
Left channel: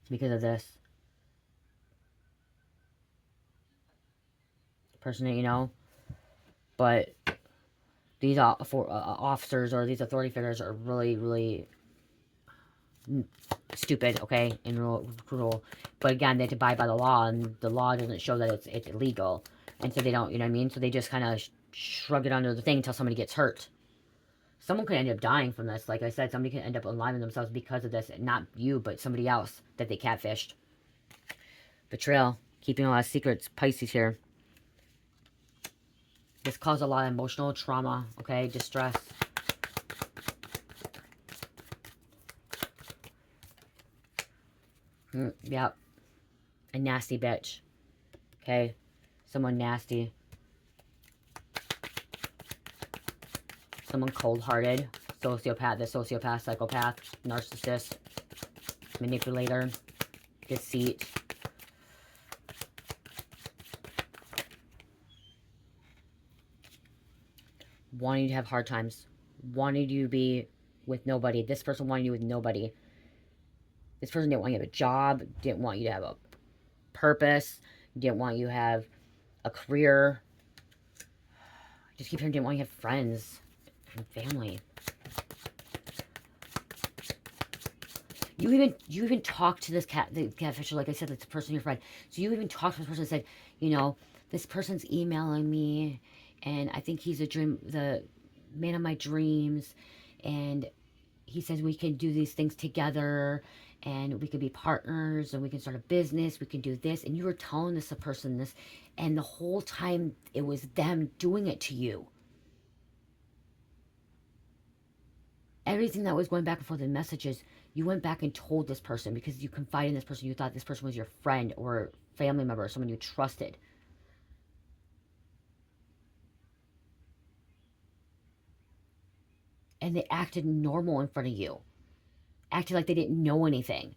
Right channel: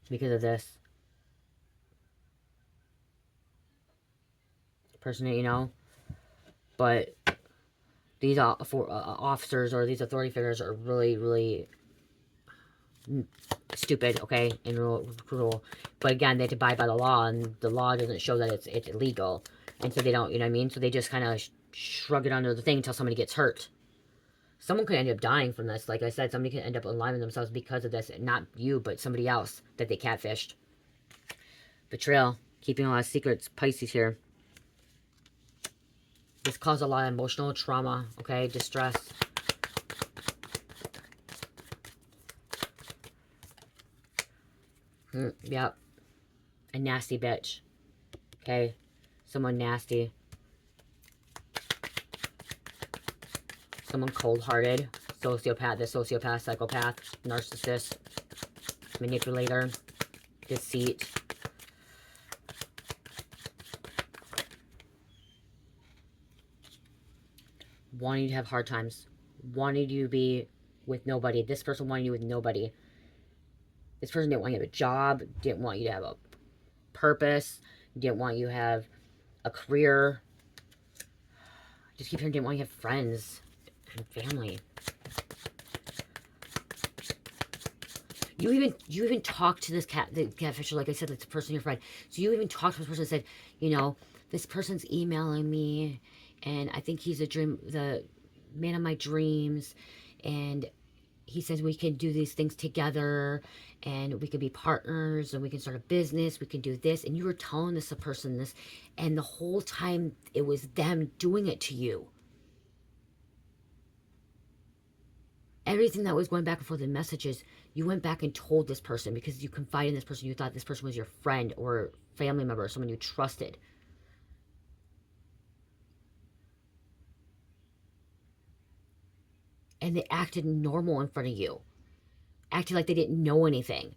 because of this. Person that but these officers or these authority figures are really, really stupid, okay, and cruel. But again, they have to abide by the law, and the law doesn't show that it's illegal. And so they don't, you know what I mean? So they just kind of shrug it under the thing until somebody gets hurt. Someone could end up dying from this. Like I said, somebody could end up unaliving themselves because of this. Not you, but somebody else that they catfished. Betrayal. Keeping a lot of secrets. Pisces here. This caused a lot of emotional trauma, okay? Distress. Yep. A nasty bitch. Okay? Someone nasty. Someone cold-hearted. Sociopath, psychopath, narcissist, manipulator, deceit. Wanting to have hard times. Wanting you to be with nobody. This person wanted you with nobody. This person didn't want you to have a job, didn't want you to have a purpose, didn't want you to have a career. Just keep hearing didn't want you to have friends and family. You even talked to this the catfisher, like I said, that's the person, your friend. So you even talked to this person and said, this person's emailing me, and I think he's the man of my dreams, and he says we can do these things together, and we can be partners, and we can start a business, we can do this. And you were telling this person this, and the whole time it was them doing it to you. Everything that was going back and forth in messages, you went back and told this person because you confided in this person. You thought this person was your friend or family member or someone you trusted. And they acted normal in front of you. Acted like they didn't know anything.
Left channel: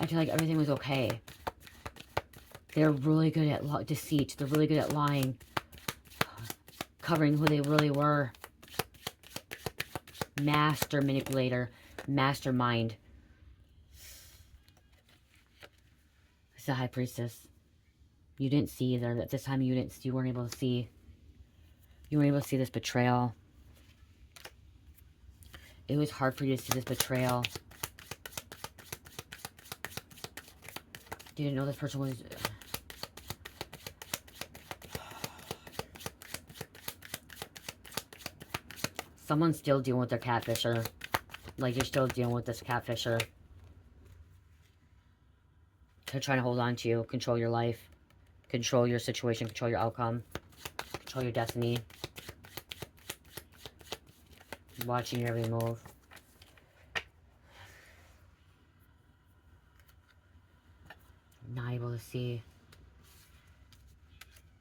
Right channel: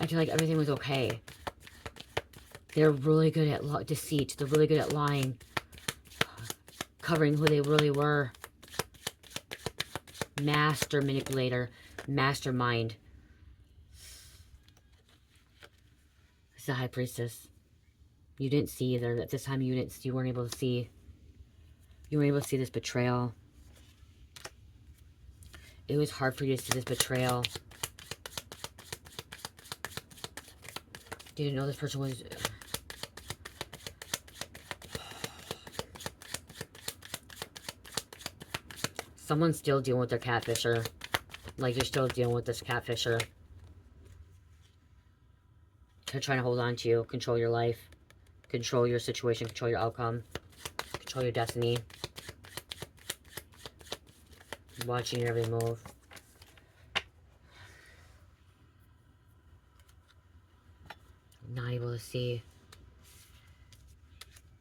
Acted like everything was okay. They're really good at deceit. They're really good at lying. Covering who they really were. Master manipulator. Mastermind. It's the High Priestess. You didn't see either. At this time, you weren't able to see. You weren't able to see this betrayal. It was hard for you to see this betrayal. You didn't know this person was... Someone's still dealing with their catfisher. Like, you're still dealing with this catfisher. They're trying to hold on to you, control your life, control your situation, control your outcome, control your destiny. Watching your every move. Not able to see.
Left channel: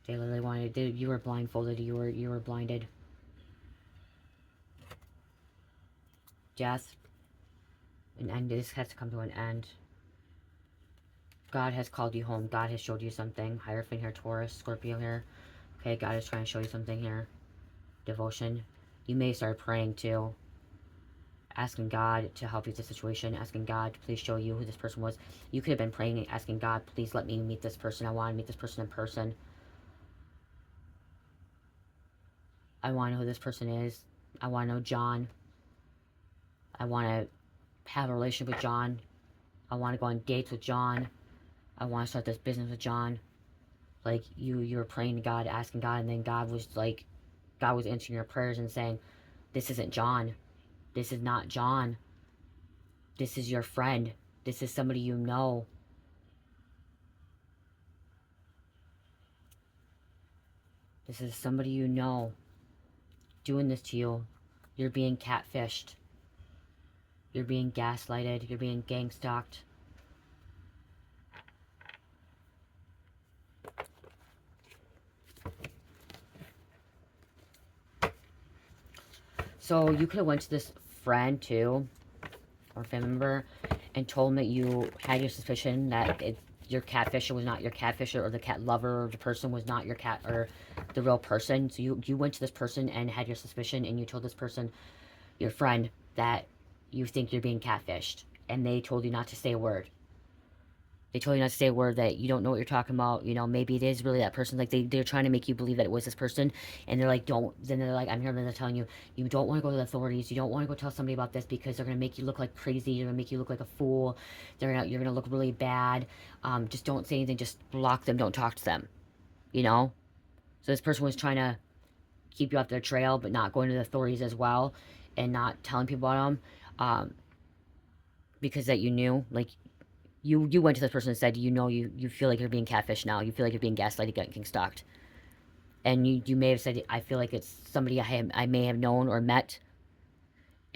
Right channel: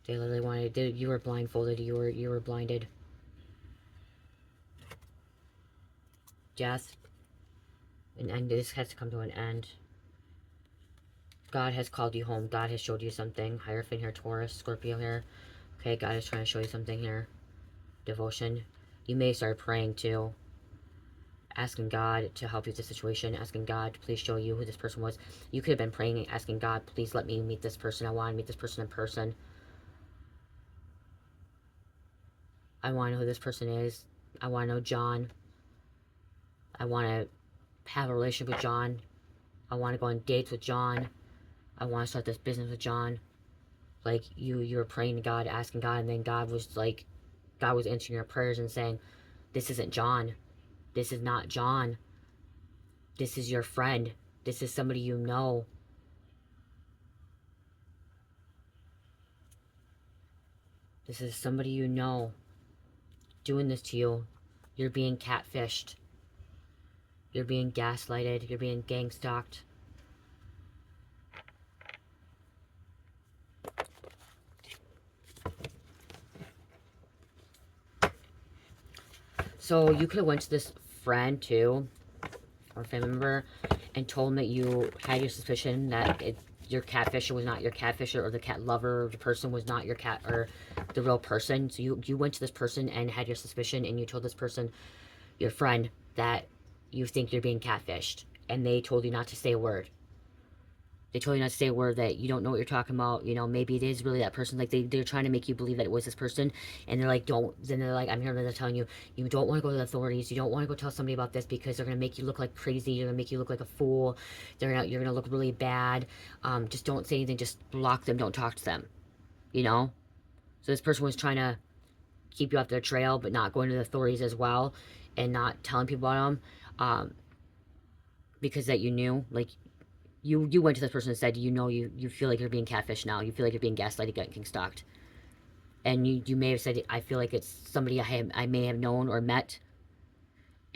They literally wanted to, you were blindfolded, you were blinded. Death. An end. This has to come to an end. God has called you home. God has showed you something. Hierophant here, Taurus, Scorpio here. Okay, God is trying to show you something here. Devotion. You may start praying too. Asking God to help you with the situation. Asking God to please show you who this person was. You could have been praying and asking God, please let me meet this person. I want to meet this person in person. I want to know who this person is. I want to know John. I want to have a relationship with John. I want to go on dates with John. I want to start this business with John. Like you were praying to God, asking God, and then God was answering your prayers and saying, this isn't John. This is not John. This is your friend. This is somebody you know. This is somebody you know doing this to you. You're being catfished. You're being gaslighted. You're being gang stalked. So you could have went to this friend too, or family member, and told them that you had your suspicion that your catfisher was not your catfisher, or the cat lover, or the person was not your cat, or the real person. So you went to this person and had your suspicion, and you told this person, your friend, that you think you're being catfished, and they told you not to say a word. They told you not to say a word, that you don't know what you're talking about. You know, maybe it is really that person. Like, they're trying to make you believe that it was this person. And they're like, don't. Then they're like, I'm hearing them telling you, you don't want to go to the authorities. You don't want to go tell somebody about this because they're going to make you look like crazy. You're going to make you look like a fool. You're going to look really bad. Just don't say anything. Just block them. Don't talk to them. You know? So this person was trying to keep you off their trail, but not going to the authorities as well. And not telling people about them. Because that you knew. Like, you went to this person and said, you feel like you're being catfished now. You feel like you're being gaslighted, getting stalked. And you may have said, I feel like it's somebody I may have known or met.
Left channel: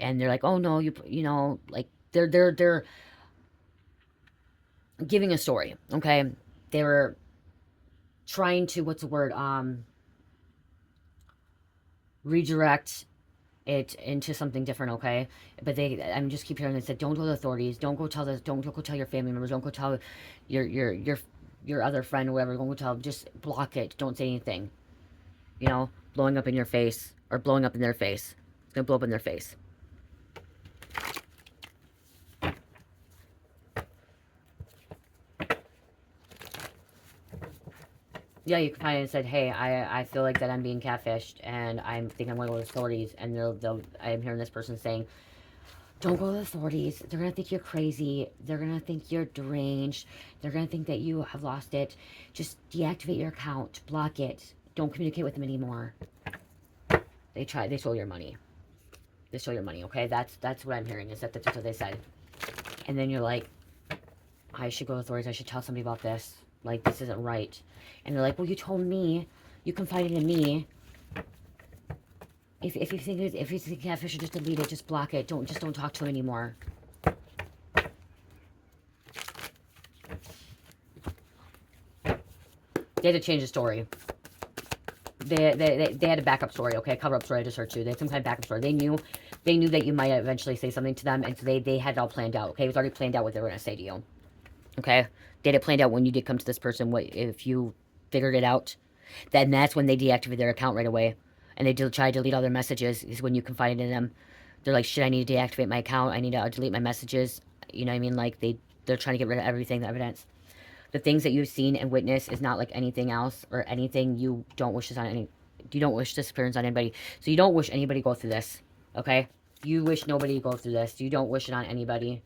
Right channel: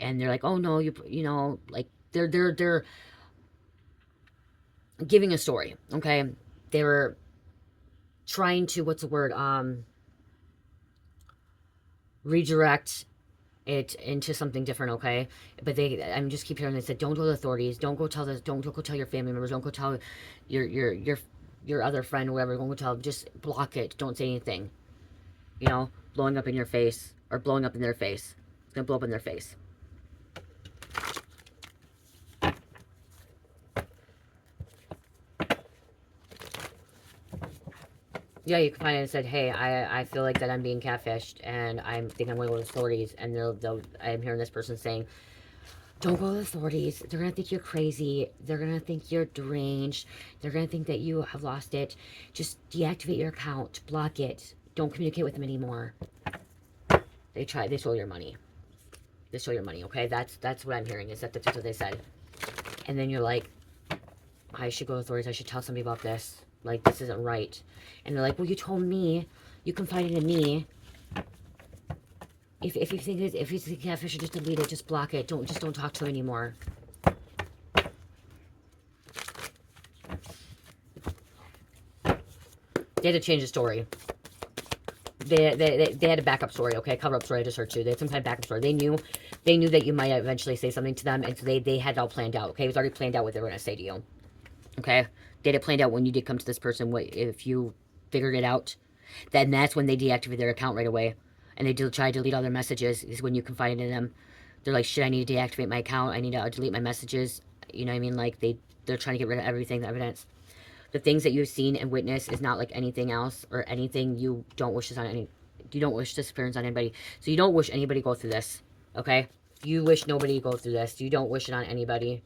And they're like, oh no, you know, like they're giving a story, okay? They're trying to, what's the word? Redirect it into something different, okay? But I'm just keep hearing they said, don't go to the authorities, don't go tell your family members, don't go tell your other friend or whoever, don't go tell, just block it, don't say anything. You know, blowing up in your face, or blowing up in their face. It's gonna blow up in their face. Yeah, you can find it and said, hey, I feel like that I'm being catfished, and I think I'm going to go to the authorities, and I'm hearing this person saying, don't go to the authorities. They're going to think you're crazy. They're going to think you're deranged. They're going to think that you have lost it. Just deactivate your account. Block it. Don't communicate with them anymore. They stole your money. They stole your money, okay? That's what I'm hearing, is that's what they said. And then you're like, I should go to the authorities. I should tell somebody about this. Like, this isn't right. And they're like, well, you told me. You confided in me. If you think Catfisher, just delete it. Just block it. Don't talk to it anymore. They had to change the story. They had a backup story, okay? Cover-up story, I just heard too. They had some kind of backup story. They knew that you might eventually say something to them, and so they had it all planned out, okay? It was already planned out what they were going to say to you, okay? They had it planned out when you did come to this person, what if you figured it out. Then that's when they deactivated their account right away. And they try to delete all their messages, is when you confided in them. They're like, shit, I need to deactivate my account. I need to delete my messages. You know what I mean? Like, they're trying to get rid of everything, the evidence. The things that you've seen and witnessed is not like anything else, or anything you don't wish this on any. You don't wish this appearance on anybody. So you don't wish anybody go through this, okay? You wish nobody go through this. You don't wish it on anybody.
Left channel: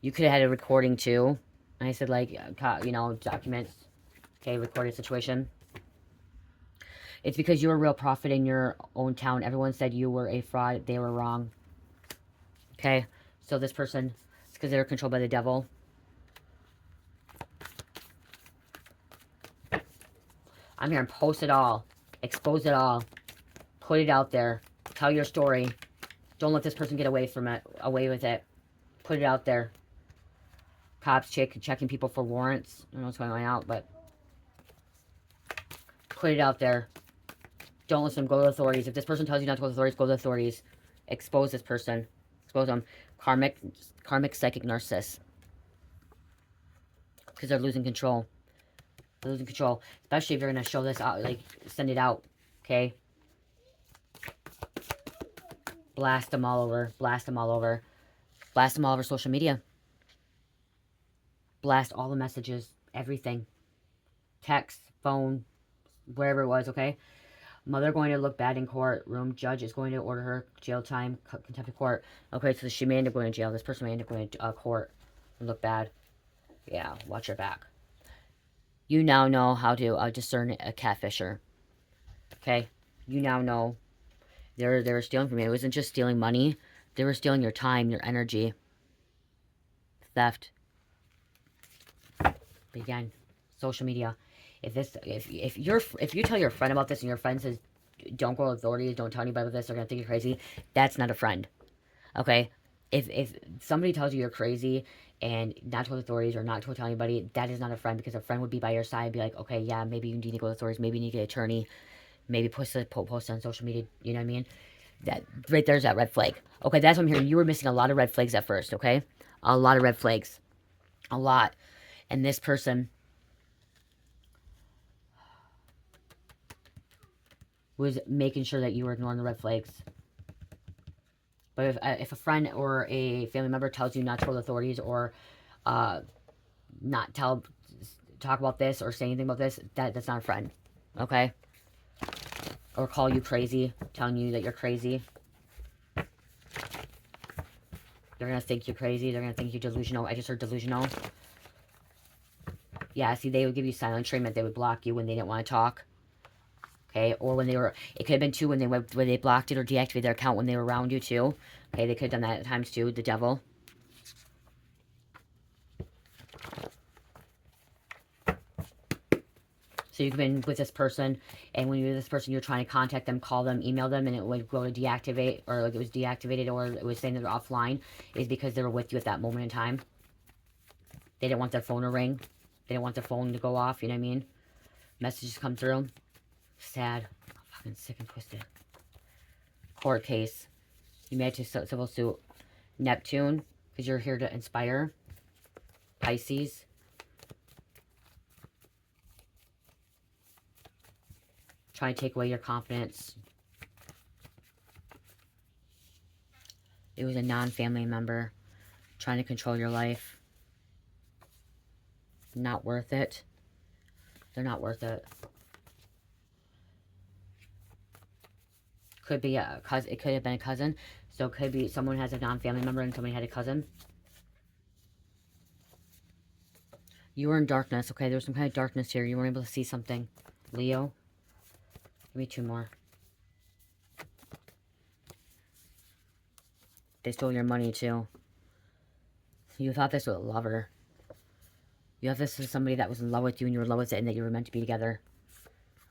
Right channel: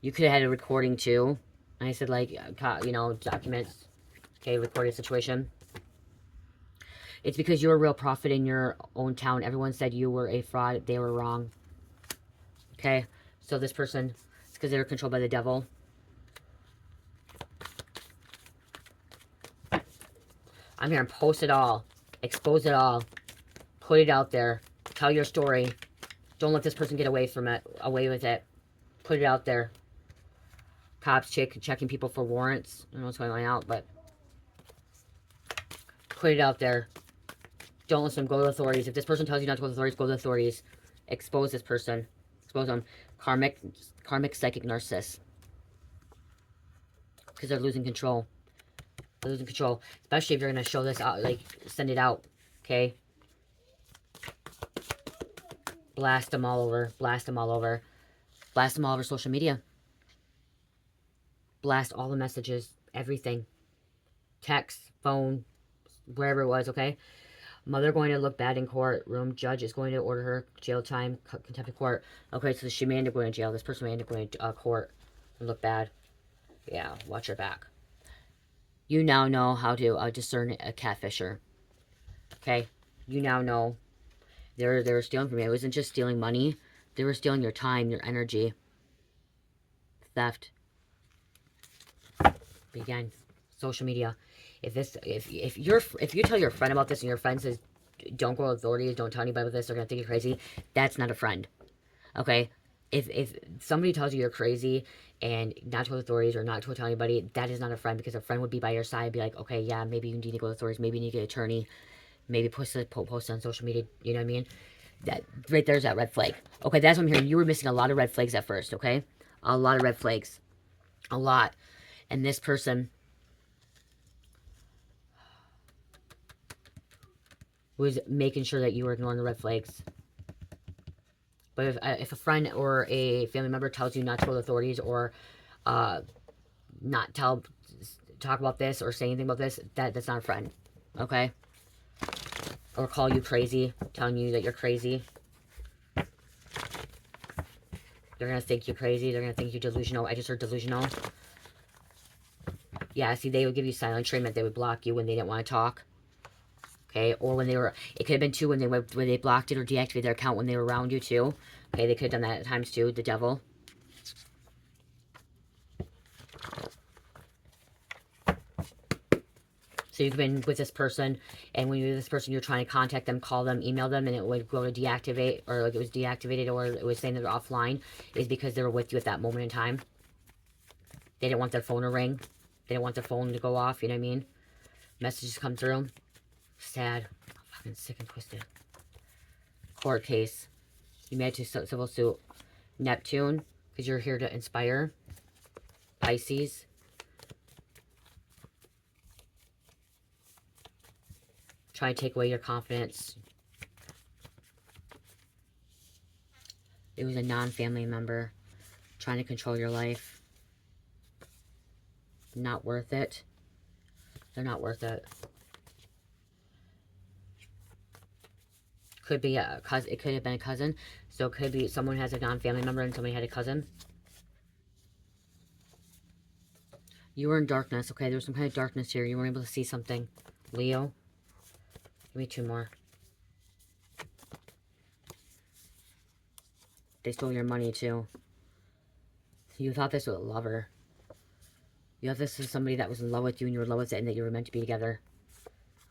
You could have had a recording too. I said, like, you know, documents. Okay, recorded situation. It's because you're a real prophet in your own town. Everyone said you were a fraud. They were wrong. Okay, so this person, it's because they were controlled by the devil. I'm here and post it all. Expose it all. Put it out there. Tell your story. Don't let this person get away with it. Put it out there. Cops checking people for warrants. I don't know what's going on out, but put it out there. Don't listen to them. Go to the authorities. If this person tells you not to go to the authorities, go to the authorities. Expose this person. Expose them. Karmic psychic narcissist. Because they're losing control. They're losing control. Especially if you're going to show this out, like, send it out. Okay? Blast them all over. Blast them all over. Blast them all over social media. Blast all the messages. Everything. Text, phone, wherever it was, okay? Mother going to look bad in court. Room judge is going to order her jail time, contempt of court. Okay, so she may end up going to jail. This person may end up going to court and look bad. Yeah, watch her back. You now know how to discern a catfisher. Okay? You now know they're stealing from you. It wasn't just stealing money. They were stealing your time, your energy. Theft. But again, social media. If you tell your friend about this and your friend says don't go to authorities, don't tell anybody about this, they're gonna think you're crazy. That's not a friend. Okay? If somebody tells you you're crazy and not to go to authorities or not to tell anybody, that is not a friend, because a friend would be by your side and be like, okay, yeah, maybe you need to go to authorities, maybe you need to get an attorney, maybe post on social media, you know what I mean? That right there's that red flag. Okay, that's what I'm hearing. You were missing a lot of red flags at first, okay? A lot of red flags. A lot. And this person was making sure that you were ignoring the red flags. But if a friend or a family member tells you not to go to authorities, or uh, not talk about this or say anything about this, that's not a friend, okay? Or call you crazy, telling you that you're crazy. They're gonna think you're crazy. They're gonna think you're delusional. I just heard delusional. Yeah, see, they would give you silent treatment. They would block you when they didn't want to talk. Okay, or when they were, it could have been too when they blocked it or deactivated their account when they were around you too. Okay, they could have done that at times too. The devil. So you've been with this person, and when you're with this person, you're trying to contact them, call them, email them, and it would go to deactivate, or like it was deactivated, or it was saying they're offline, is because they were with you at that moment in time. They didn't want their phone to ring. They didn't want their phone to go off, you know what I mean? Messages come through. Sad. Fucking sick and twisted. Court case. You made it to civil suit. Neptune, because you're here to inspire. Pisces. Try to take away your confidence. It was a non-family member trying to control your life. Not worth it. They're not worth it. Could be a cousin. It could have been a cousin. So it could be someone has a non-family member and somebody had a cousin. You were in darkness, okay? There's some kind of darkness here. You weren't able to see something. Leo. Give me two more. They stole your money, too. You thought this was a lover. You thought this was somebody that was in love with you and you were in love with it and that you were meant to be together.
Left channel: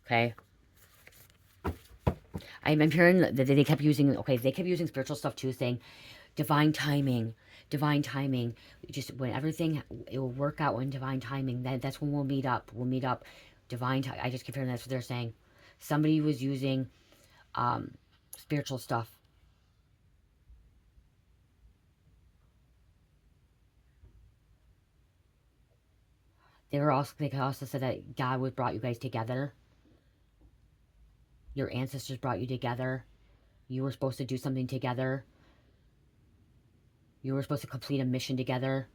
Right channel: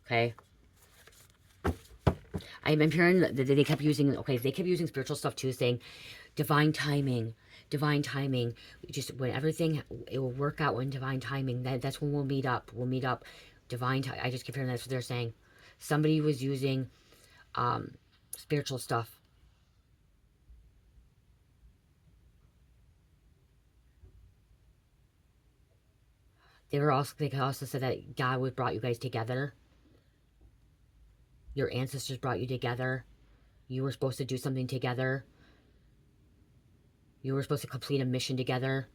Okay? I'm hearing that they kept using, okay, they kept using spiritual stuff, too, saying divine timing. Divine timing. Just when everything, it will work out in divine timing. That's when we'll meet up. We'll meet up. Divine time. I just keep hearing that's what they're saying. Somebody was using spiritual stuff. They could also say that God would brought you guys together. Your ancestors brought you together. You were supposed to do something together. You were supposed to complete a mission together.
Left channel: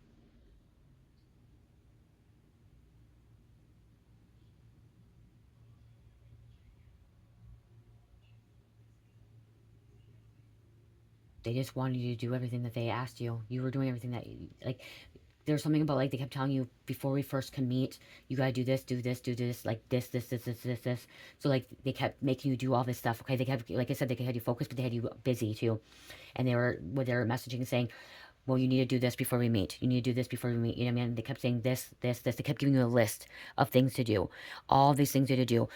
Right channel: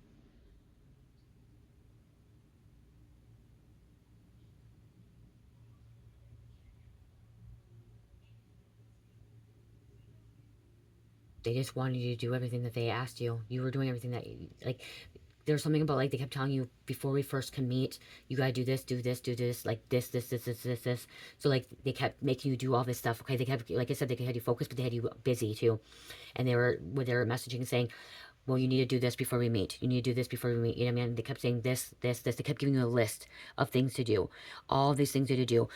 They just wanted you to do everything that they asked you. You were doing everything that, like, there's something about, like, they kept telling you before we first can meet, you gotta do this, like this. So, like, they kept making you do all this stuff, okay? They kept, like I said, they had you focused, but they had you busy, too. And they were messaging saying, well, you need to do this before we meet. You need to do this before we meet. You know what I mean? They kept saying this. They kept giving you a list of things to do. All these things to do.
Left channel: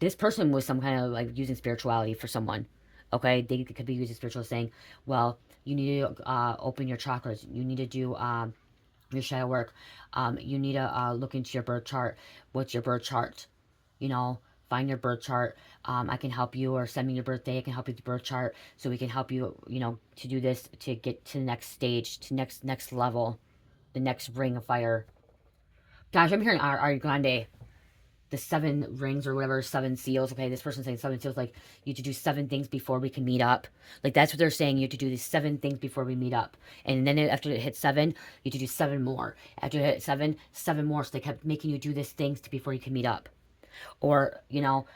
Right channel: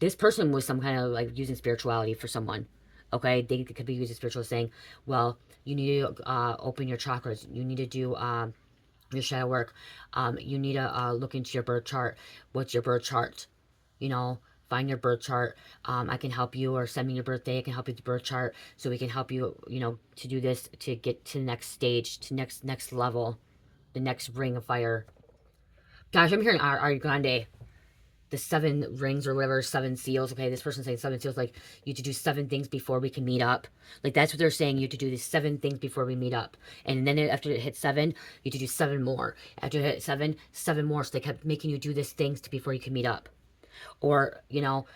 This person was some kind of, like, using spirituality for someone. Okay? They could be using spiritual, saying, well, you need to open your chakras. You need to do your shadow work. You need to look into your birth chart. What's your birth chart? You know, find your birth chart. I can help you, or send me your birthday. I can help you with the birth chart, so we can help you, you know, to do this, to get to the next stage, to next level, the next ring of fire. Gosh, I'm hearing Ari Grande, the 7 rings or whatever, 7 seals. Okay, this person's saying 7 seals, like you have to do 7 things before we can meet up. Like that's what they're saying. You have to do these 7 things before we meet up, and then after it hits 7, you have to do 7 more. After it hit 7, 7 more. So they kept making you do these things before you can meet up. Or, you know,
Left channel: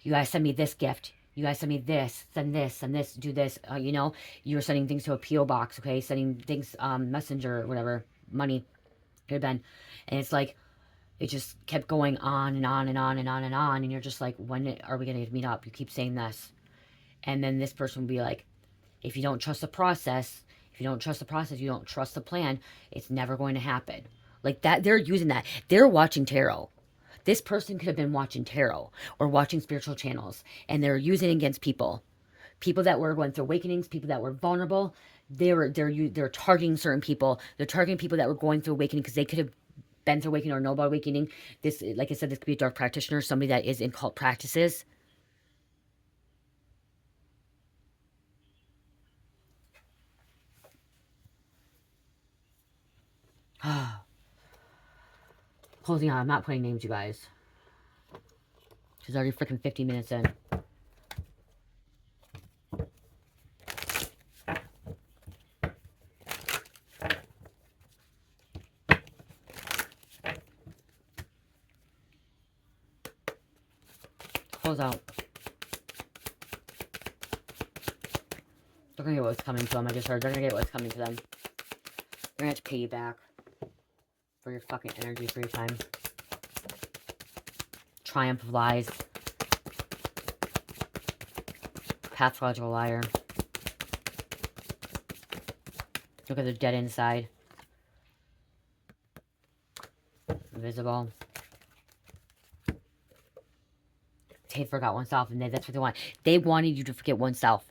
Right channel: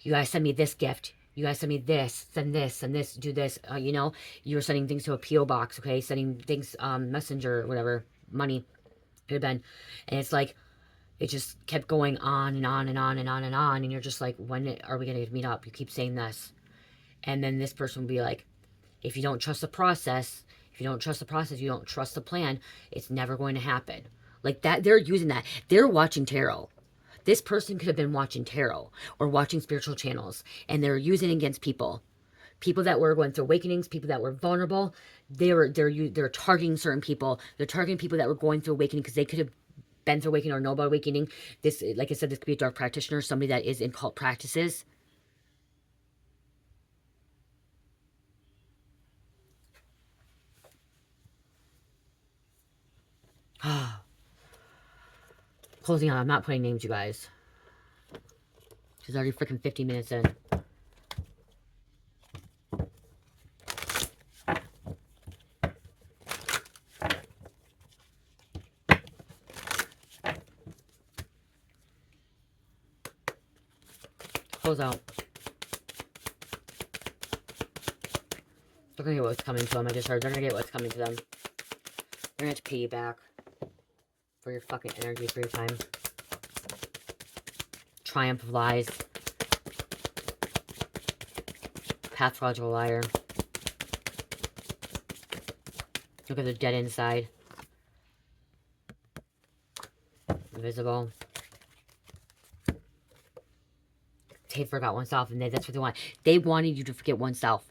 you guys send me this gift. You guys send me this, send this, do this. You know, you were sending things to a P.O. box, okay? Sending things, messenger, whatever, money, could have been. And it's like, It just kept going on and on and on and on and on. And you're just like, when are we going to meet up? You keep saying this. And then this person will be like, if you don't trust the process, if you don't trust the process, you don't trust the plan, it's never going to happen. Like that, they're using that. They're watching tarot. This person could have been watching tarot or watching spiritual channels, and they're using it against people. People that were going through awakenings, people that were vulnerable. They're targeting certain people. They're targeting people that were going through awakening because they could have been through awakening or know about awakening. This, like I said, this could be a dark practitioner, somebody that is in cult practices. Closing out. I'm not putting names, you guys. She's already freaking 50 minutes in. Close out. They're gonna get what's coming to them. I just heard they're gonna get what's coming to them. They're gonna have to pay you back for your fucking energy, for your time. Triumph of lies. Pathological liar. Look at the dead inside. Invisible. They forgot oneself, and that's what they want. They wanted you to forget oneself.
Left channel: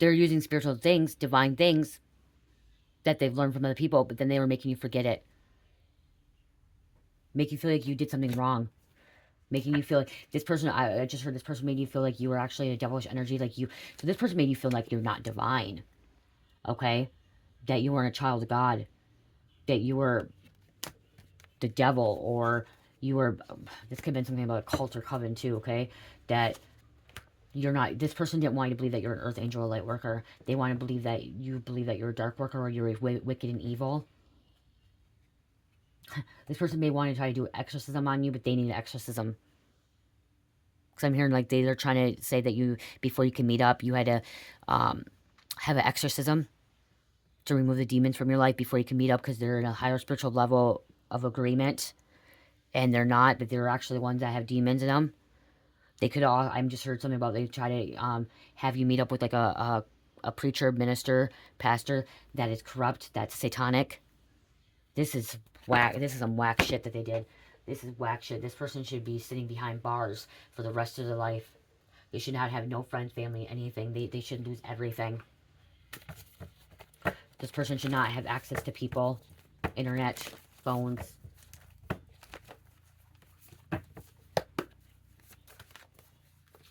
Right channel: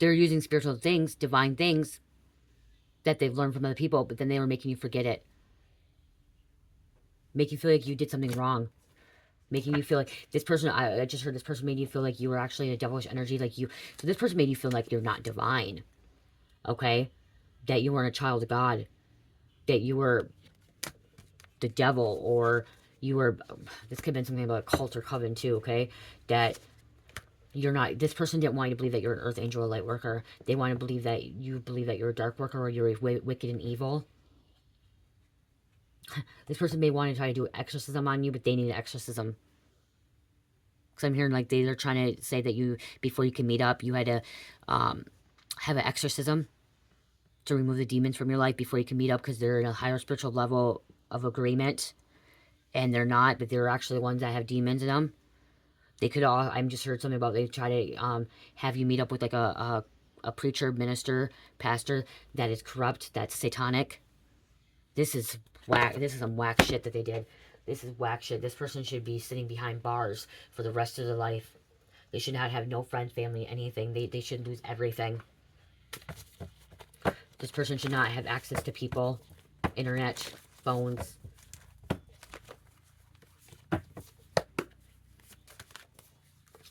They're using spiritual things, divine things, that they've learned from other people, but then they were making you forget it. Make you feel like you did something wrong. Making you feel like this person, I just heard this person made you feel like you were actually in a devilish energy. Like you, so this person made you feel like you're not divine. Okay? That you weren't a child of God. That you were the devil, or you were, this could have been something about a cult or coven too, okay? That you're not, this person didn't want you to believe that you're an earth angel or light worker. They want to believe that you're a dark worker, or you're wicked and evil. This person may want to try to do exorcism on you, but they need an exorcism. Because I'm hearing like they're trying to say that you, before you can meet up, you had to have an exorcism to remove the demons from your life before you can meet up, because they're in a higher spiritual level of agreement. And they're not, that they're actually the ones that have demons in them. They could all, I'm just heard something about, they try to have you meet up with like a preacher, minister, pastor that is corrupt, that's satanic. This is whack. This is some whack shit that they did. This is whack shit. This person should be sitting behind bars for the rest of their life. They should not have no friends, family, anything. They should lose everything. This person should not have access to people, internet, phones.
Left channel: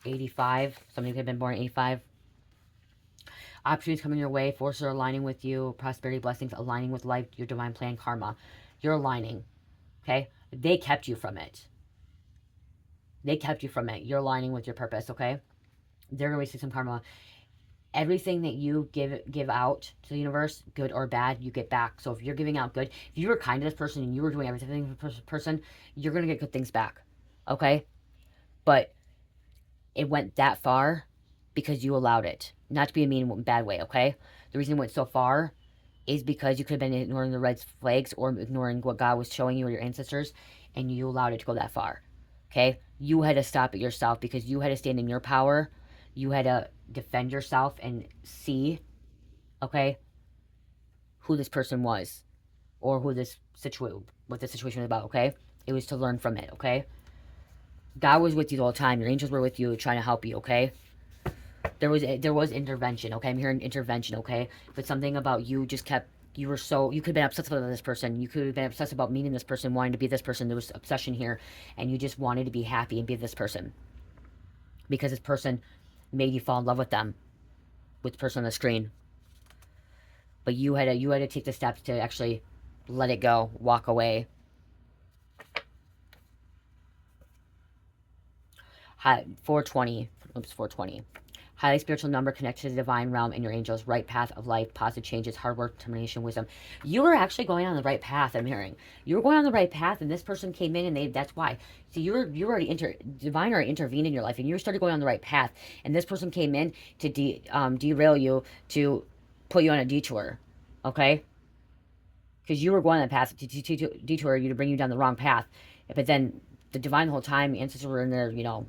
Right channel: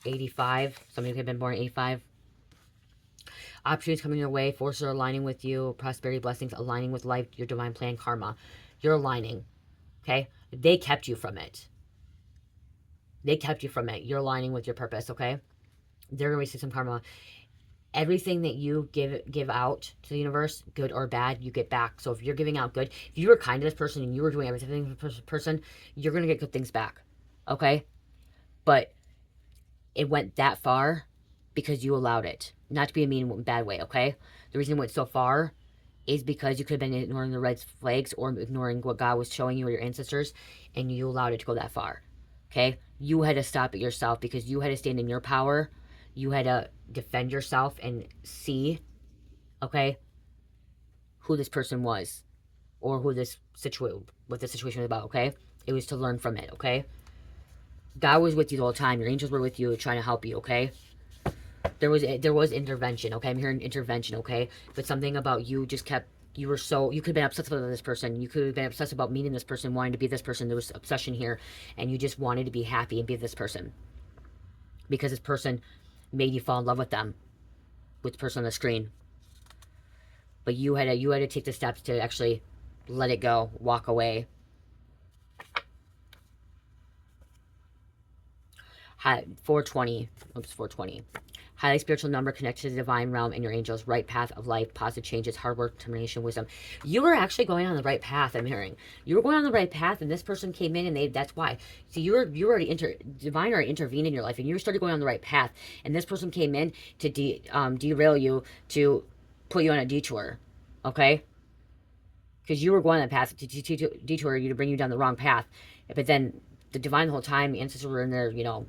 '85. Somebody could have been born in '85. Opportunities coming your way. Forces are aligning with you. Prosperity, blessings aligning with life. Your divine plan, karma. You're aligning. Okay? They kept you from it. They kept you from it. You're aligning with your purpose, okay? They're going to receive some karma. Everything that you give out to the universe, good or bad, you get back. So if you're giving out good, if you were kind to this person and you were doing everything for this person, you're going to get good things back, okay? But it went that far because you allowed it. Not to be a mean, bad way, okay? The reason it went so far is because you could have been ignoring the red flags or ignoring what God was showing you or your ancestors, and you allowed it to go that far, okay? You had to stop it yourself because you had to stand in your power. You had to defend yourself and see, okay, who this person was or who this what the situation was about, okay? It was to learn from it, okay? God was with you the whole time. Your angels were with you trying to help you, okay? There was intervention, okay? I'm hearing intervention, okay? But something about you just kept, you could have been obsessed with this person. You could have been obsessed about meeting this person, wanting to be this person. There was obsession here, and you just wanted to be happy and be this person. Because this person made you fall in love with them, with the person on the screen. But you had to take the steps to actually let it go, walk away. 420. Oops, 420. Highly spiritual number connected to the divine realm and your angels. Right path of life, positive changes, hard work, determination, wisdom. You were actually going on the right path, I'm hearing. You were going on the right path, and this person came in, and that's why. So you already divine already intervened in your life, and you started going on the right path. And this person came in to derail you, to put you on a detour. Okay? because you were going on that path to detour you, to bring you down the wrong path. But then the divine, the whole time, ancestors were in there, you know,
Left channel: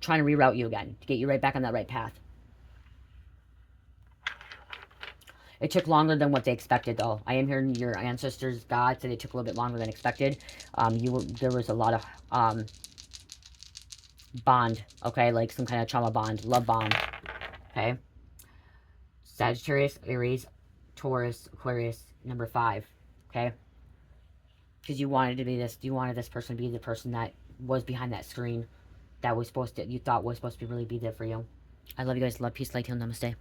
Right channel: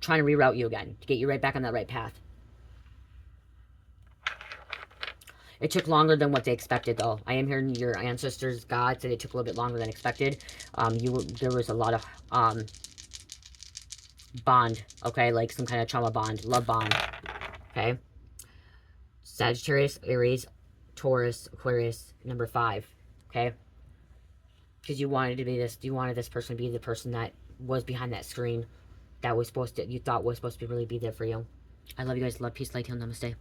trying to reroute you again to get you right back on that right path. It took longer than what they expected, though. I am hearing your ancestors, God, said it took a little bit longer than expected. There was a lot of bond, okay, like some kind of trauma bond, love bond, okay. Sagittarius, Aries, Taurus, Aquarius, number 5, okay. Because you wanted to be this, you wanted this person to be the person that was behind that screen, that was supposed to, you thought was supposed to really be there for you. I love you guys. Love, peace, light, heal, namaste.